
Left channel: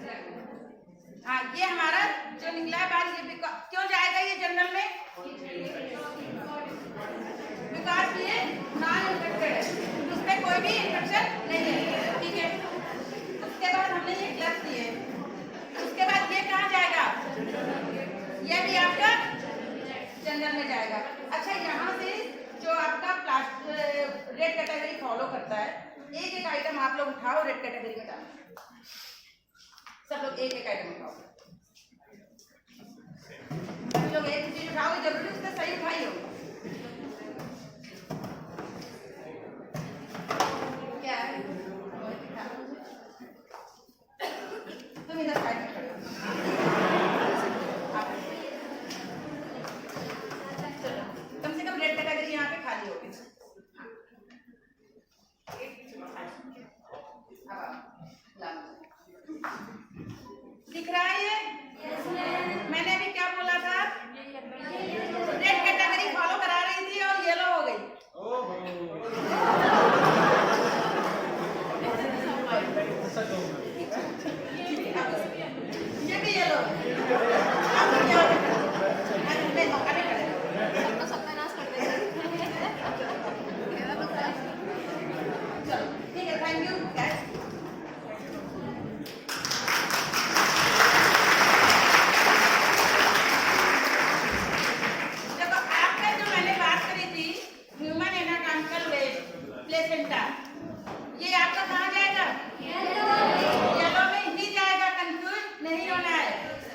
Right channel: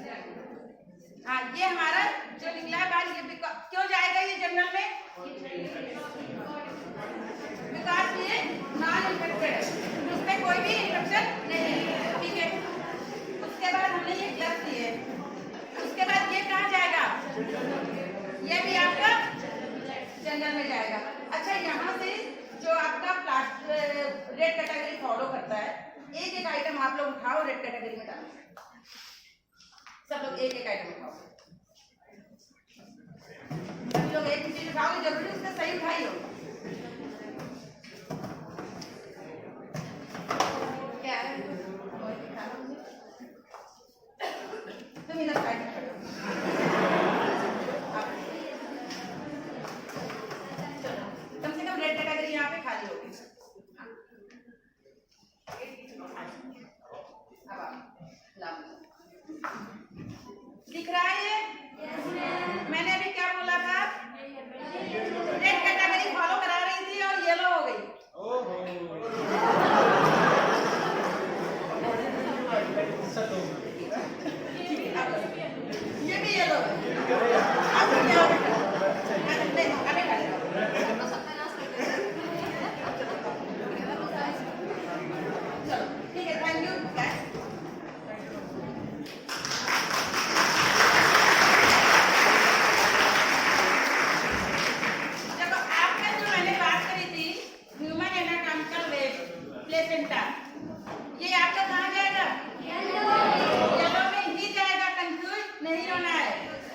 हाँ ये हमारा जो निकला बाहर, ये क्यों जाएगा ये जनरल में? बिकॉज ये नॉन इन्फेक्टेड है, उसमें कोई भी इन्फेक्शन नहीं है, ठीक है? उसके बाद हमने ये ग्लव्स दिए, उसके बाद ये कहाँ जाएगा? ये भी आपका जनरल में जाएगा। अच्छा यहाँ से जो आपका रेड कैटेगरी फॉलो करता है, एक एक आइटम आप लोग उठाओ, रेड कैटेगरी में डालो, सब लोग एक एक आइटम उठाओ, सभी लोग एक ही चीज उठाओगे, जरूरी उसका सही उठाई होगा। क्या है तुम इधर साइड में खड़े कम से कम रेड कैटेगरी यहाँ पे खाली होगी। दिख रहा है ये? मैंने अभी क्या बोला था? रेड कैटेगरी फॉलो करा रही थी और येलो हो गई। ये भी येलो है। अभी खड़े रहो। चलो ठीक है, थैंक यू गाइस। प्लेसेंटा, ये आपका कहाँ जाएगा? येलो में ही जाएगा, कंफ्यूज नहीं होना है।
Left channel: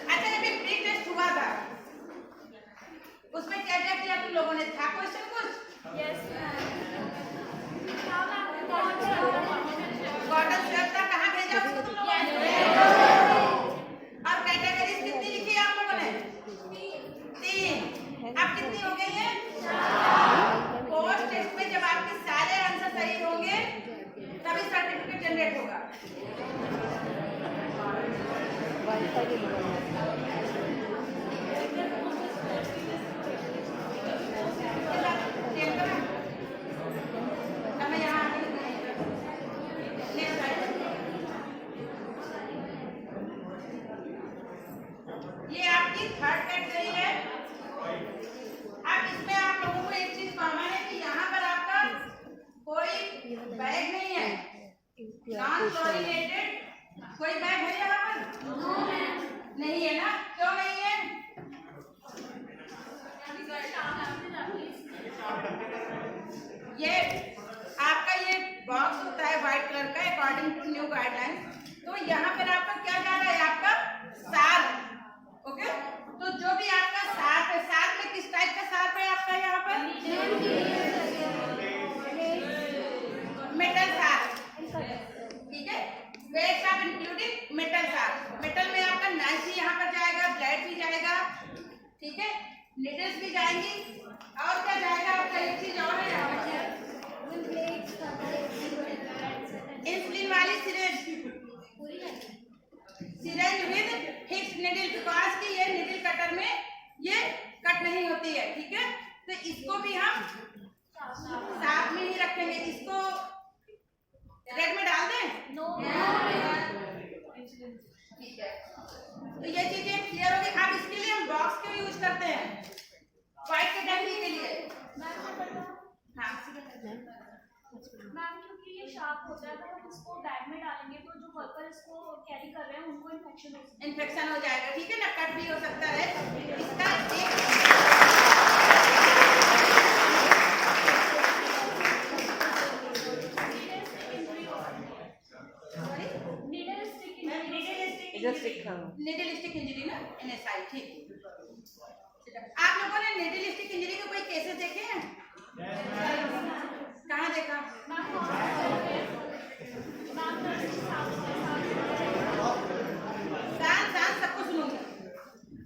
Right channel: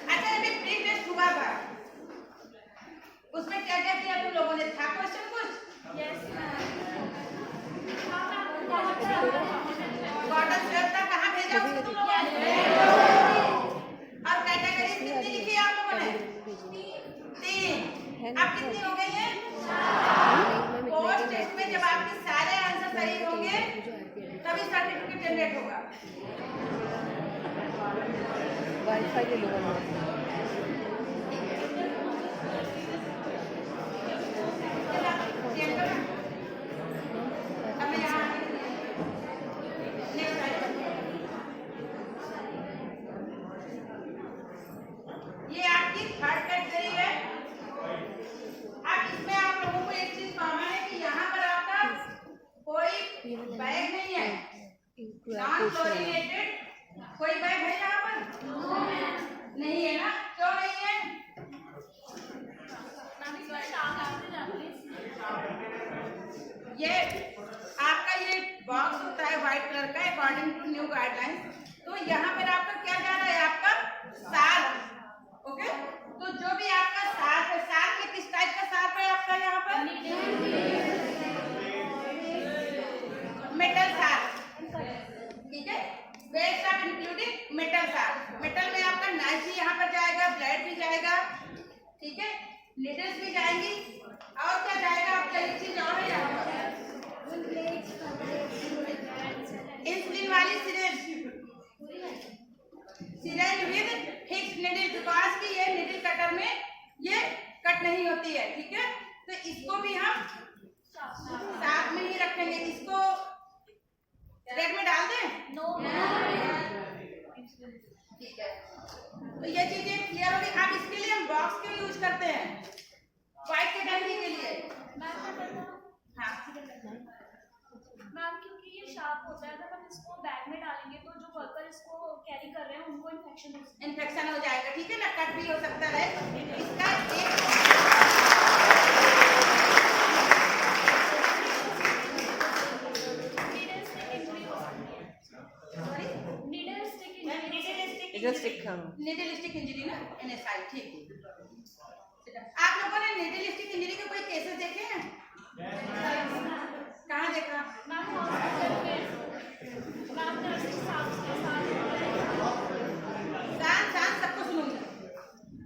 अच्छा अभी प्री टेस्ट हुआ था, उसमें क्या क्या किया तुम लोगों ने? था क्वेश्चन कुछ? कॉटन स्वेब था, कहाँ भेजा उसको तुम लोगों ने? और कैटेगरीज कितनी लिखी आप लोगों ने? 3। अब कितनी हो गई है? पोस्ट टेस्ट में जब आपके सारे आंसर सही होंगे तभी सर्टिफिकेट जनरेट होगा। अब मैं यहाँ नेक्स्ट स्लाइड पर, ये आपकी थर्ड कैटेगरी है। अब इसमें आप लोगों को एक चीज कॉमन है कि यहाँ पर आपका कोई बैग नहीं है, नॉन क्लोरीनेटेड कोई बैग है यहाँ पर? नहीं है ना? क्यों नहीं है? ये आपका ये बॉक्स होता है व्हाइट कलर का, अकॉर्डिंग टू न्यू गाइडलाइंस। तो यहाँ पर आपका क्या जा रहा है? आपका साग, ओके? तो जो भी आपका साग है, साग में किस टाइप का साग है आपका यहाँ पर? इंक्लूडिंग मेटल साथ। मेटल में आपका नाइफ भी यहाँ पर जाएगा, ब्लेड भी जाएगा, ठीक है, नीडल्स भी जाएंगी, और क्या जाएगा आपका, एक चीज और है यहाँ पर, इंसुलिन वाली syringe with fixed needle, because कि ये निडल कटर में ये कट नहीं होती है, ठीक है। तो इसको भी हम साथ में ही रखेंगे। इसको रेड में डाल दें, ठीक है। तो ये चीजें क्लियर होगी। अब इसके लिए हम बॉक्स क्यों यूज करते हैं, व्हाइट कैटेगरी के लिए। हाँ मैम, क्योंकि ये शार्प होता है, अगर हम इसको बैग में डालेंगे तो जो वर्कर इसको कैरी कर रहे हैं उनको इन्फेक्शन हो जाएगा, ठीक है ना, कट भी हो सकता है। इसका निडल स्टिक इंजरी ना, NSI, ठीक। आप लोगों ने निडल स्टिक इंजरी के कोई केसेस देखे हैं? कहाँ देखा? शांत सबको सुनूंगी।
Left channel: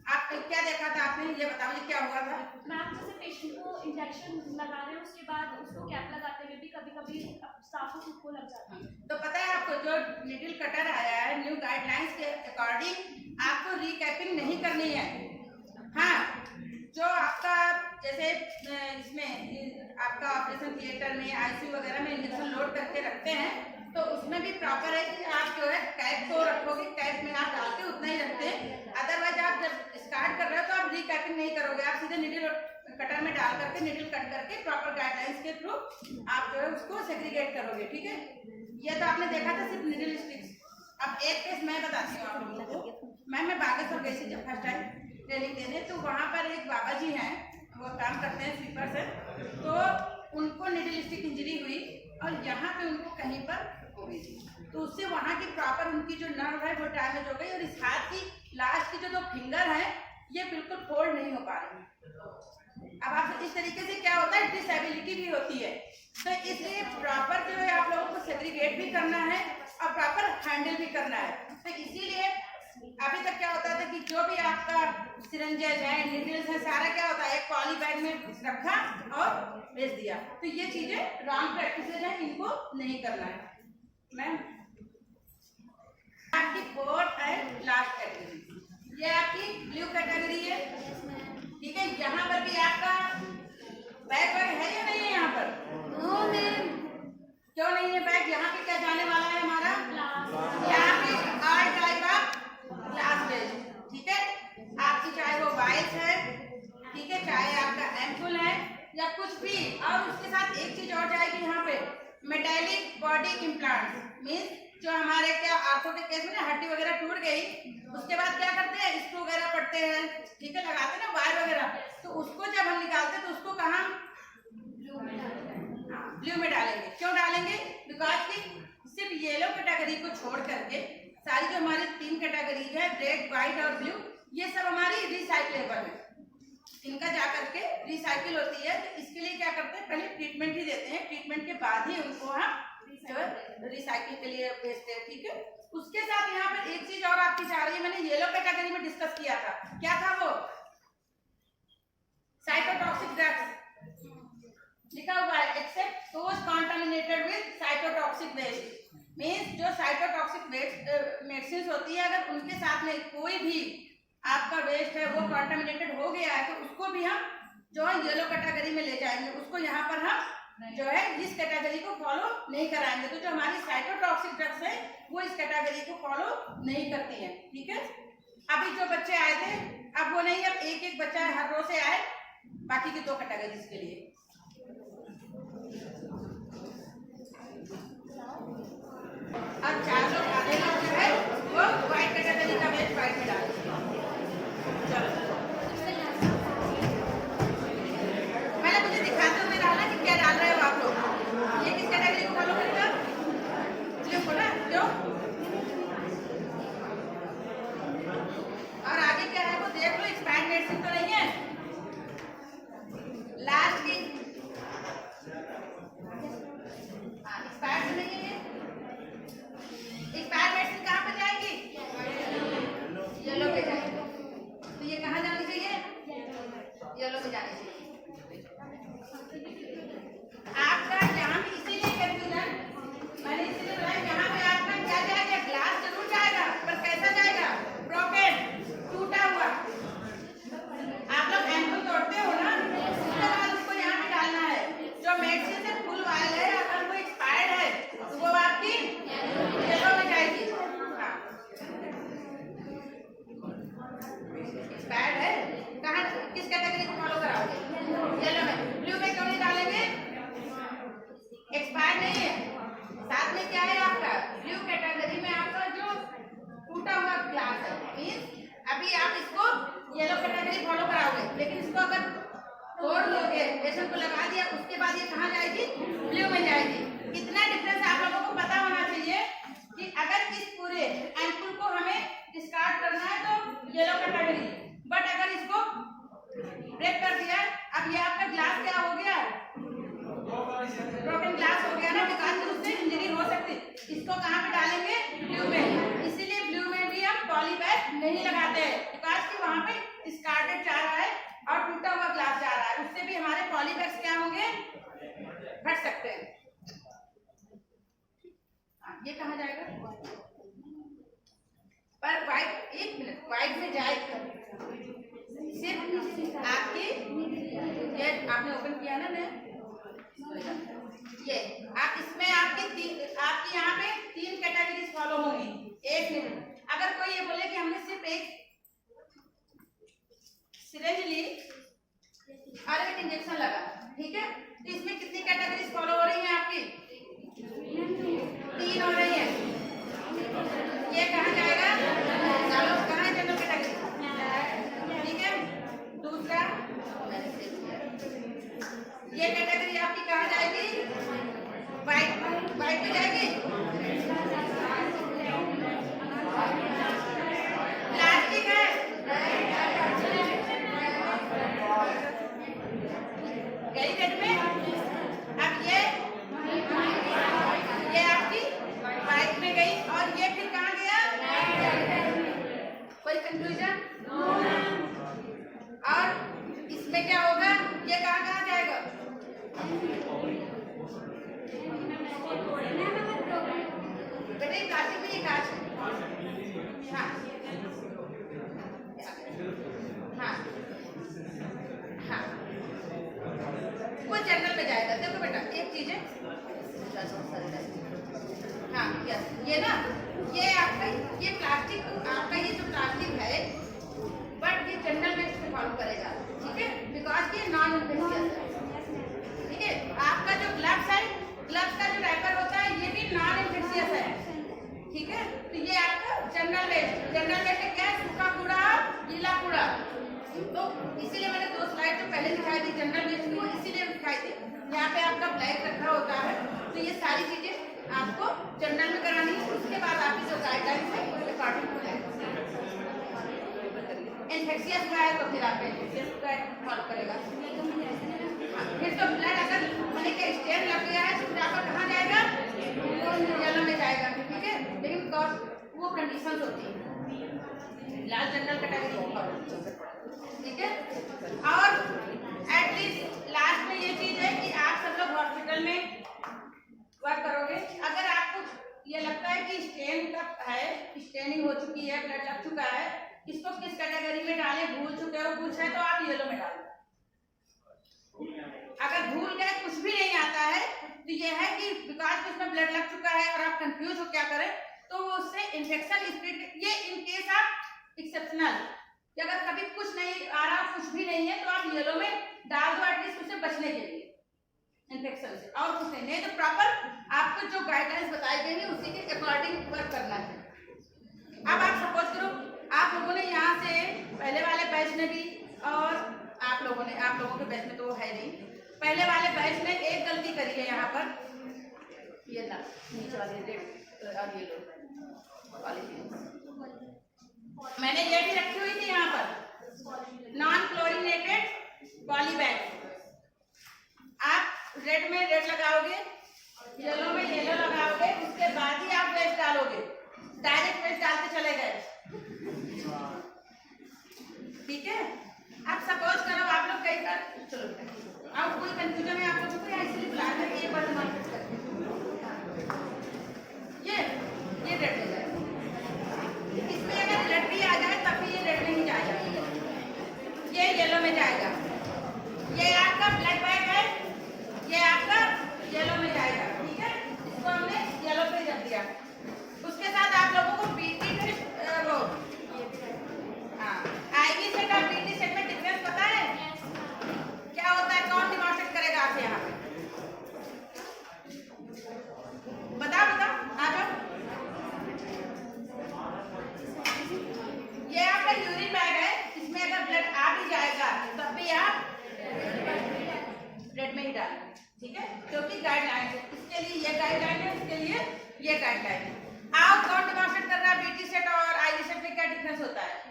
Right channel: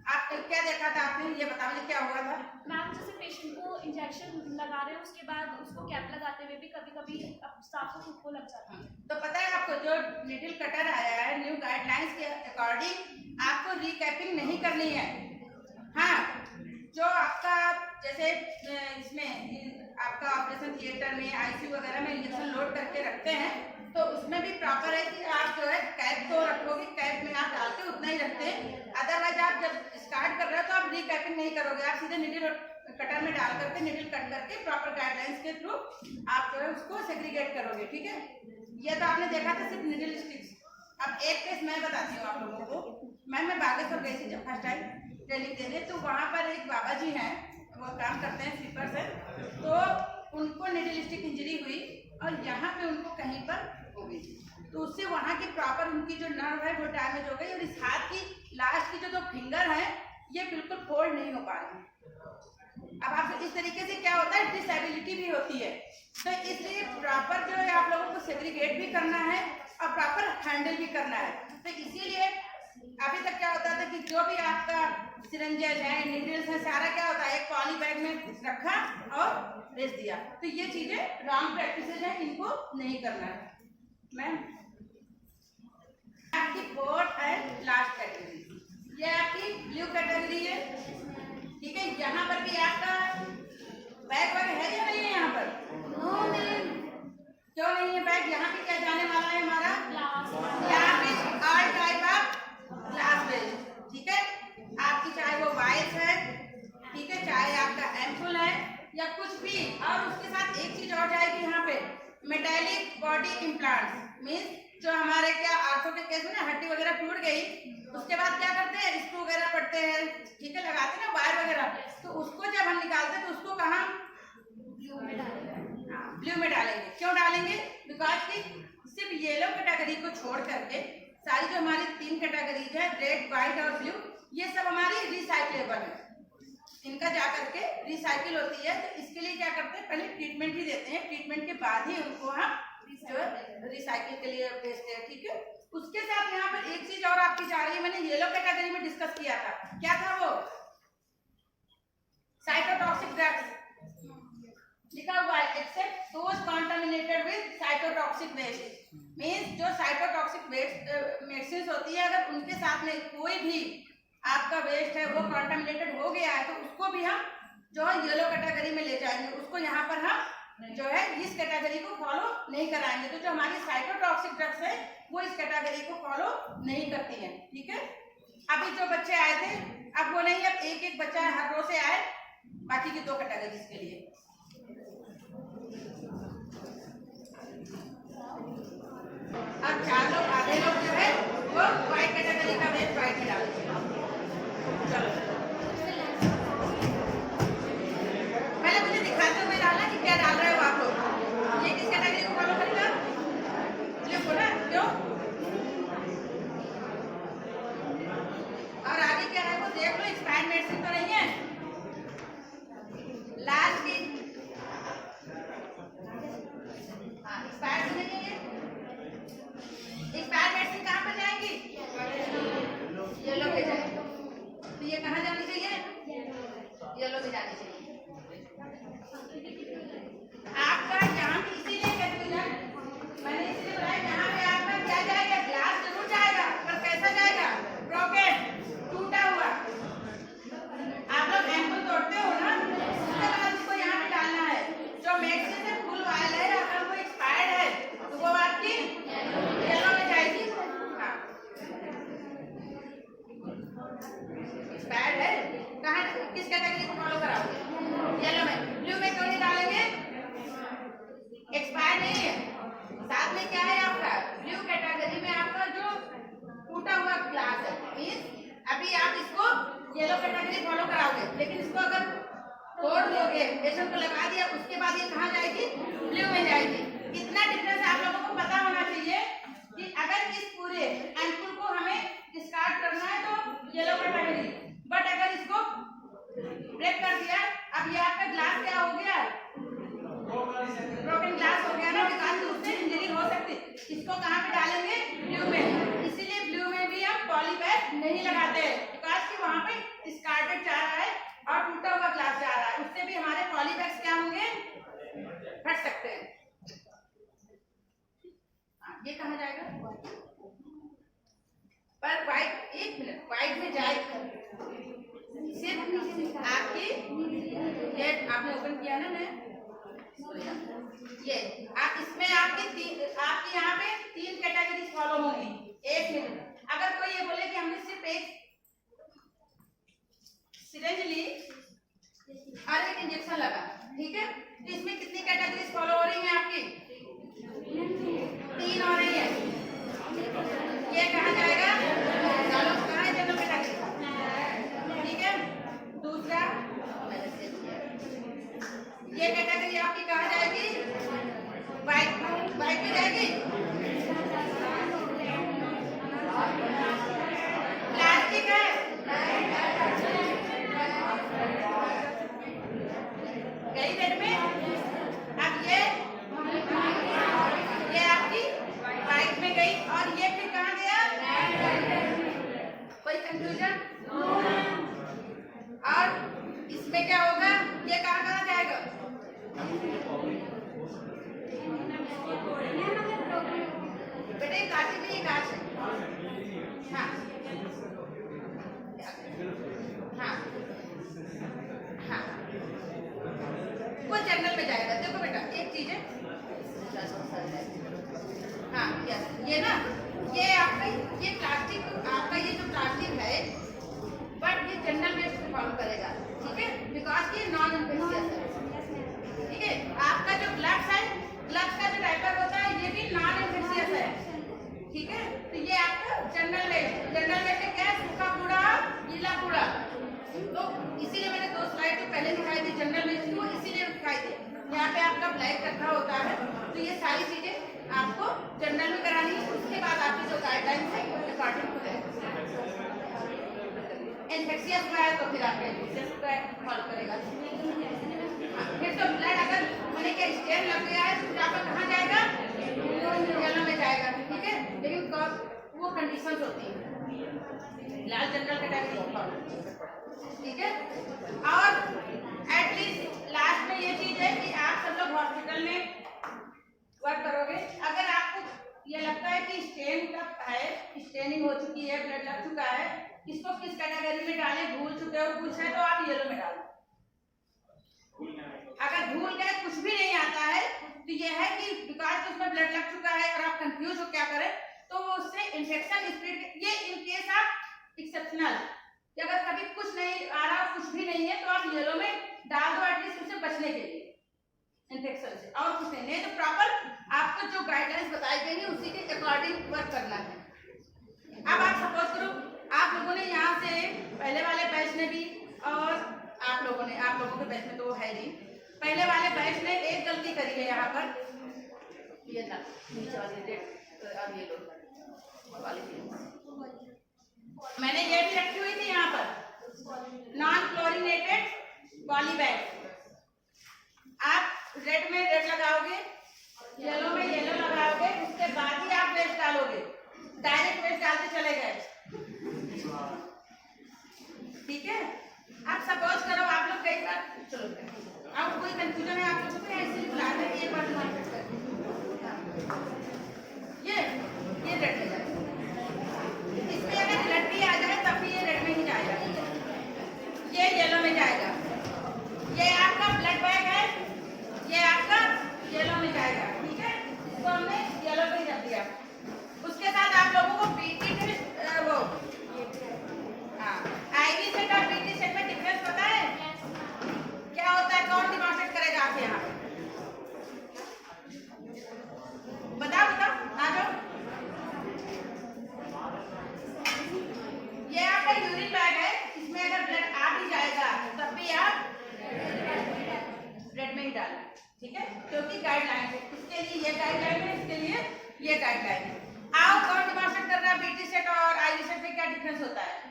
आप क्या देखा था आपने, ये बताओ मुझे क्या हुआ था? मैम, जैसे पेशेंट को इंजेक्शन लगा रहे हैं, उसके बाद उसको कैप लगाते हुए भी कभी-कभी स्टाफ को खुद को लग जाता है। तो पता है आपको, जो निडल कटर आया है न्यू गाइडलाइंस के अकॉर्डिंग, आपको रिकैपिंग नहीं करनी है। हाँ, जो आपका जैसे इसमें आपका ऑपरेशन थिएटर में, ICU वगैरह में इंजेक्शन लोड करके रखते हैं, तो उसमें भी प्रॉपर है कि आप जो है कैप तो रखोगे, कैप में आप डालते उतना ही रखते हैं। अदरवाइज आप जब स्टार्ट कर रहे हो तो आप रिकैपिंग नहीं करोगे, आप सीधे निडल कटर में डाल करके निडल कट करके प्रॉपर गाइडलाइंस के थ्रू आप जो है उसको सेग्रीगेट करोगे, ठीक है। ये तो आपने देखा था सिर्फ निडल स्टिक्स। अब एक केस मैं बताती हूँ आप लोगों को। मैं बागेश्वर गई थी जब फर्स्ट टाइम ट्रेनिंग देने, तो वहाँ पर एक बाबा जी हैं, वो काम करते हैं स्वीपर से, तो उनको निडल स्टिक इंजरी हुई और यहाँ पे उनको कहीं पर हो गई थी, तो उससे वहाँ की प्रॉपर उनकी जो नर्व है वो डैमेज हो गई, और इस हाथ की लास्ट की जो फिंगर है ये बिल्कुल फोल्ड नहीं हो पा रही है। अब आप इस तरीके से क्या होता है, डिसेबिलिटी भी होती है। तो इसलिए प्रॉपर जो है आप लोगों को सेग्रीगेट भी करना है और प्रॉपर हैंडल भी करना है। तो इसीलिए अभी तक क्या होता था कि जो भी आपका सिरिंजेस है, नीडल्स है, सारा क्या होता है एक पॉली बैग में रखा और भेज दिया। तो ये चीजें रॉन्ग प्रैक्टिसेज हैं, इनको नहीं करना है। मैम, आपकी फोर्थ है लास्ट कैटेगरी, ये आपकी ब्लू कैटेगरी है, ठीक है। यहाँ पर भी आपका बैग है या नहीं है? यहाँ पर नो मैम। क्यों नहीं है बैग? यहाँ पे क्या जाने वाला है हमारा, यहाँ पे all type of glass waste, ठीक है। आपकी चाहे वो वाइस है, ठीक है, चाहे आपका एम्पुल है या कुछ भी, और उसके साथ एक चीज और जाएगी यहाँ पे, मेटालिक बॉडी इम्प्लांट्स। मीन्स जो हमारे क्या आंखों के केस में ना हड्डी वगैरह टूट गई, उसके बाद क्या करते हैं, स्क्रू वगैरह पड़ते हैं, ठीक है, लगाते हैं ना वायर वगैरह, तो उसको जब हम निकालते हैं तो उसको कहाँ, ब्लू में डालेंगे। क्यों डालेंगे? बिकॉज कि सिर्फ येलो कैटेगरी को छोड़ करके सारी जो हमारी 3 कैटेगरीज है, रेड, व्हाइट और ब्लू, ये सब हमारी रिसाइक्लेबल है, इनका जा करके रिसाइकिल होती है। तो इसके लिए क्या करते हैं, पहले ट्रीटमेंट ही देते हैं, ट्रीटमेंट के बाद ही उनको हम जो है रिसाइकिल के लिए भेजते हैं, ठीक है। उसके साथ यहाँ पर एक चीज और आपकी जा रही है, मैंने येलो कैटेगरी में डिस्कस किया था, क्या था वो, साइटोटॉक्सिक ड्रग्स लिखा हुआ है, except those contaminated with cytotoxic waste. Means जो साइटोटॉक्सिक वेस्ट मेडिसिन होती है, अगर उनके साथ में कोई भी आपका वेस्ट है वो कॉन्टामिनेटेड हो गया है, तो उसको भी हम जो है येलो कैटेगरी में ले जाएंगे, उसको यहाँ पर हम जो है इस कैटेगरी को फॉलो नहीं कराएंगे। तो जो हमारी साइटोटॉक्सिक ड्रग्स है वो इस कैटेगरी को फॉलो नहीं करती है, ठीक है। अभी जो बच्चे आए थे, अब वो नहीं, अब एक एक बच्चा हर रो से आए, बाकी की 2 कैटेगरीज के लिए। अब 4 लोग, आधे लोग जो है वो व्हाइट कैटेगरी का वेस्ट व्हाइट में डालेंगे। चलो पहले मुझे दिखाते हुए डालना कि क्या डाल रहे हो आप लोग। ये किस कैटेगरी को फॉलो करेगा, ब्लू को ना, क्यों, और आगे क्या है वो देख लो, एक्सपायर्ड मेडिसिन तो नहीं है। लास्ट की एक्सपायर्ड नहीं है, ये एक्सपायर्ड मेडिसिन कहाँ पर के जाने चाहिए। आपका यहाँ पे इसीलिए कंफ्यूजन, मैंने इसीलिए बोला यहाँ पे आपका क्या जाएगा, ग्लास जरूर जाएगा, पर कैसा जाएगा, ब्रोकन, टूटा हुआ। आप लोग एम्पुल तोड़ते हो ना, उसके बाद उसको यहाँ पे डालना है। जो मैक्सी से फुल वायल है, अगर वो एक्सपायर्ड है तो वो आपकी येलो में जाएगी। हाँ, एक्सपायर्ड है, कहाँ, किस कैटेगरी को फॉलो कराओगे, येलो में। ब्लू में क्यों नहीं डालेंगे, एक्सपायर्ड नहीं है। साथ में क्या है आपका, ब्लू कैटेगरी में आपका जो टूटा हुआ ग्लास है, मीन्स अभी आप इसको येलो कैटेगरी फॉलो कराओगे, लेकिन इसको अगर तोड़ दोगे, पेशेंट को लगा दिया, उसके बाद ये कहाँ जाएगी, ब्लू में जाएगी। इतना डिफरेंस आप लोगों को पता होना चाहिए कि अगर इस पूरे एम्पुल को हमें डिस्कार्ड करना है तो येलो कैटेगरी, बट अगर इसको ब्रेक कर दिया, अब ये आपका ग्लास क्या हो गया, ब्रोकन ग्लास हो गया ना, बिकॉज उससे इंजरी हो सकती है। इसको कहाँ पे डालेंगे, ब्लू में। इसीलिए ब्लू में भी हम पॉली बैग नहीं लगाते हैं, बिकॉज कि वहाँ पे डिस्कार्डेड जा रहा है और टूटा हुआ ग्लास जा रहा है, उससे भी हमारे पॉली बैग्स क्या होंगे, फट सकते हैं। ये कहाँ जाएगा, पर व्हाइट, एक मिनट, व्हाइट में जाएगा सिर्फ आपकी, ये आपने ओपन किया ना नया, ये आप इसमें आपकी यहाँ पे 3 कैटेगरीज फॉलो होंगी। एक मिनट, अगर कोई ये बोले कि हमने सिर्फ एक सिरिंज ली और एक इंजेक्शन लगा, ठीक है, तो इसमें कितनी कैटेगरीज फॉलो हो रही हैं आपकी, 3 हो रही हैं। ये कहाँ जाएगा, चलो कहाँ है जनरल कैटेगरी, ठीक है। दूसरा, ये कैटेगरी आपकी कहाँ जाएगी, व्हाइट में जाएगी। प्लास्टिक है, गई रेड में। अब ये आपकी व्हाइट में गई, और ये फिर कहाँ गया, कोई कंफ्यूजन, और इसमें क्या होगा, ये कहाँ जाएगा, बेटे प्लास्टिक में ये कांच है। हाँ हाँ हाँ, वो जंगल में जाएगा। देखो बेटा, एक चीज है, हाँ यस, ये ना, ये आपका ये प्लास्टिक, आपका ये जो प्लास्टिक है, बट ये जनरल वेस्ट को फॉलो करेगा, ठीक है, बिकॉज ये नॉन इन्फेक्शियस है, ठीक है। आपका जो ग्लव्स है, ग्लव्स का जो रैपर होता है, ये भी नॉन इन्फेक्शियस है, ठीक है। तो ये आपका जनरल वेस्ट में क्या है, सूखा कूड़ा, गीला कूड़ा। तो इसीलिए मैंने 2 स्लाइड जो पहले दिखाई थी जनरल वेस्ट को, इसीलिए दिखाई थी। यहाँ पे आपका ब्लैक रखा होता है, तो ये सारी चीजें आपको जनरल में करानी है। उसके बाद आपकी जो गाइडलाइंस है अकॉर्डिंग टू दैट, इन्फेक्शियस हुआ है तो फिर आपका इन्फेक्शियस का फॉलो करेगा। फिर तो ब्लड अगर मैंने क्या स्टेन लग गया है तो आपका कहाँ जाएगा, येलो में जाएगा, ठीक है। लेकिन वो कंडीशंस होती है, लाल जनरल कैटेगरी, ठीक है। और एटलीस्ट लास्ट में ये चीज है कि आप सब लोग हॉस्पिटल में वर्क करोगे, अगर आपको ये लगता है कि स्टेन का है, स्टेनिंग हो चुकी है, ब्लड लग चुका है, इसको किस कैटेगरी में डालें, भूल चुके हो कुछ है तो आप येलो में डालो। अगर भूल गए, कुछ भी नहीं आता है, तो ये है कि बिकॉज उसमें ब्लड लग चुका है और आप कंफ्यूज हो क्या करें, तो वो उससे इन्फेक्शन स्प्रेड, ये इन केस आप एक्सेप्शनल, कि अगर कभी कुछ नहीं आ रहा, कुछ भी नहीं है, तो आप येलो में डाल दो, एटलीस्ट उससे बचने के लिए, इन्फेक्शन से, और कुछ नहीं तो प्रॉपर आपको जो गाइडलाइंस बताई गई है उसी के अकॉर्डिंग वर्क करना है। अब आप सपोज करो, आप लोगों ने यहाँ से पहले वाले बैच ने भी, और आप लोगों के बैच में तो वो है नहीं, पहले वाले बैच ने एक गलती करी है यहाँ पर, ये ना नीचे वाली रेड और ये लो वाली मैंने ये भी रखी हुई थी यहाँ पर, नॉन क्लोरीनेटेड पॉली बैग। आप रेड में रेड लगाओगे, येलो में येलो लगाओगे, उसके बाद ही आप वेस्ट डालोगे, डायरेक्ट वेस्ट डालते चले गए, ठीक है। आप सपोज करो आप लोग कई बार चलो अब कोई कंफ्यूजन है आप लोगों को या इसलिए बुलाया था कि एक बार मार्केट करके ये रेड में जाए, इसमें अगर रेड भी आ जाए तब भी ये रेड में ही जाएगा, ये येलो में जाएगा। ये आपका ब्लड बैग है, ये आपका येलो में जाएगा, ठीक है। इसको हमने येलो पे रख दिया। उसके साथ आप लोगों को बीटी टेस्ट वो आईवी सेट और बीटी सेट में डिफरेंस पता है क्या होता है? कौन डिमॉन्स्ट्रेट करेगा आपसे यहाँ पे? बताओ आ जाओ। ये आपका यूरिन बैग है, इसमें अगर ब्लड आ भी जाएगा तब भी आप रेड में ही डालें, ठीक है, क्योंकि गाइडलाइन है। इसके लिए ये गाइडलाइन है, इसके लिए ये गाइडलाइन है। आओ कौन डिमॉन्स्ट्रेट कर रहा है बीटी सेट और आईवी सेट में क्या डिफरेंस होता है?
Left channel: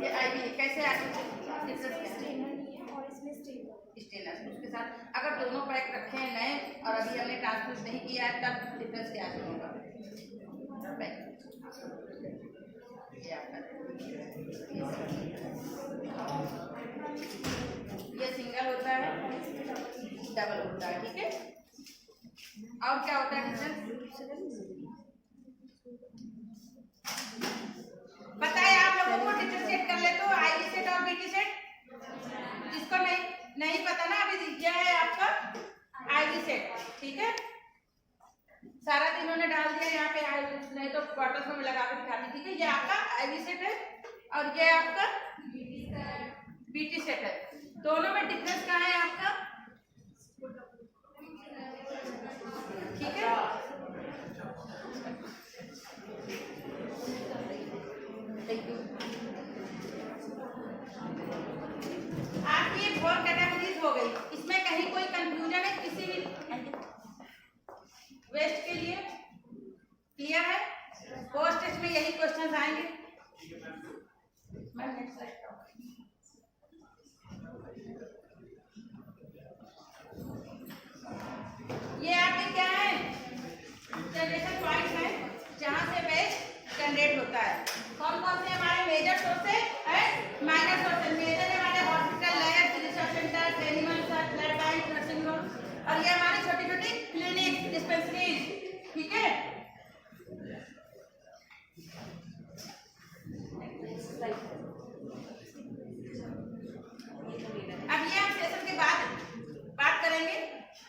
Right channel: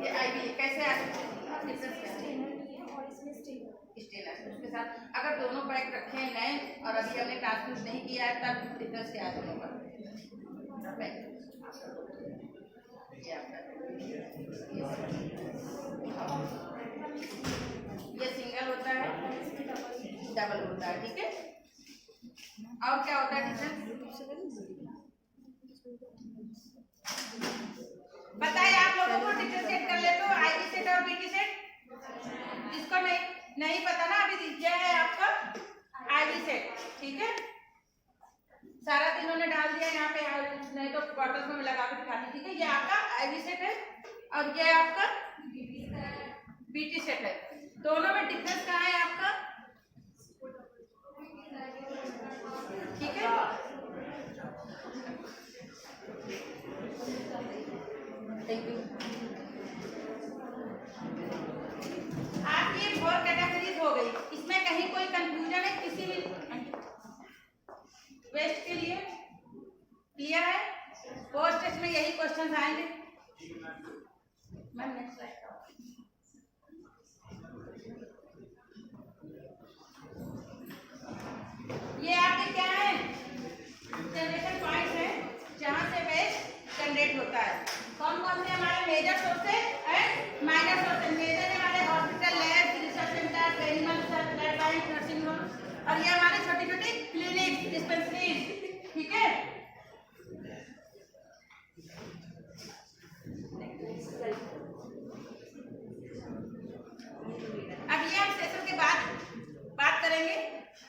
ये आईवी कैसे स्टेनर उसके साथ अगर दोनों पैक रखे हैं नए और अभी हमने ट्रांसफ्यूज नहीं किया है तब डिफरेंस क्या है दोनों का? ये आपका ये सिंगल होता है, डबल होता है, ठीक है। और क्या होता है डिफरेंस? बताइए आप लोगों को डिफरेंशिएट कर ले तो आईवी सेट और बीटी सेट। जिसको नहीं पता ना अभी यह है आपका आईवी सेट, ठीक है। सारा दिन उन्होंने डाल दिया यहाँ पे, नहीं तो बॉटल्स में लगा के दिखाती, ठीक है। ये आपका आईवी सेट है और ये आपका बीटी सेट है। दोनों में डिफरेंस कहाँ है आपका? ठीक है। Thank you. आपकी 4 कैटेगरीज हो गई, इसमें कहीं कोई कंफ्यूजन है किसी भी वेस्ट के लिए? क्लियर है? पोस्ट टेस्ट में यही क्वेश्चंस आएंगे। मैं नेक्स्ट स्लाइड ये आपके क्या है? जनरेशन पॉइंट्स है जहां से वेस्ट जनरेट होता है। कौन कौन से हमारे major sources and minor sources? Major है हमारे hospital, lab, research centre, animal research, blood bank, nursing home, और ये हमारे छोटी छोटी क्लिनिक, डिस्पेंसरीज, ठीक है। अब ये हम सेशन के बाद बात करेंगे,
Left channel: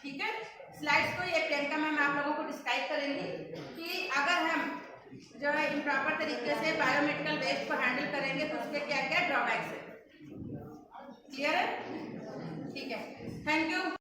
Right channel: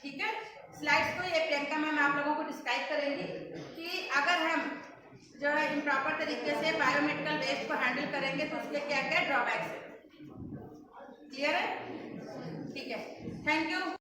ठीक है। स्लाइड्स को ये प्रियंका मैम आप लोगों को डिस्क्राइब करेंगी कि अगर हम जो है इम्प्रॉपर तरीके से बायोमेडिकल वेस्ट को हैंडल करेंगे तो उसके क्या क्या ड्रॉबैक्स है। क्लियर है? ठीक है, थैंक यू।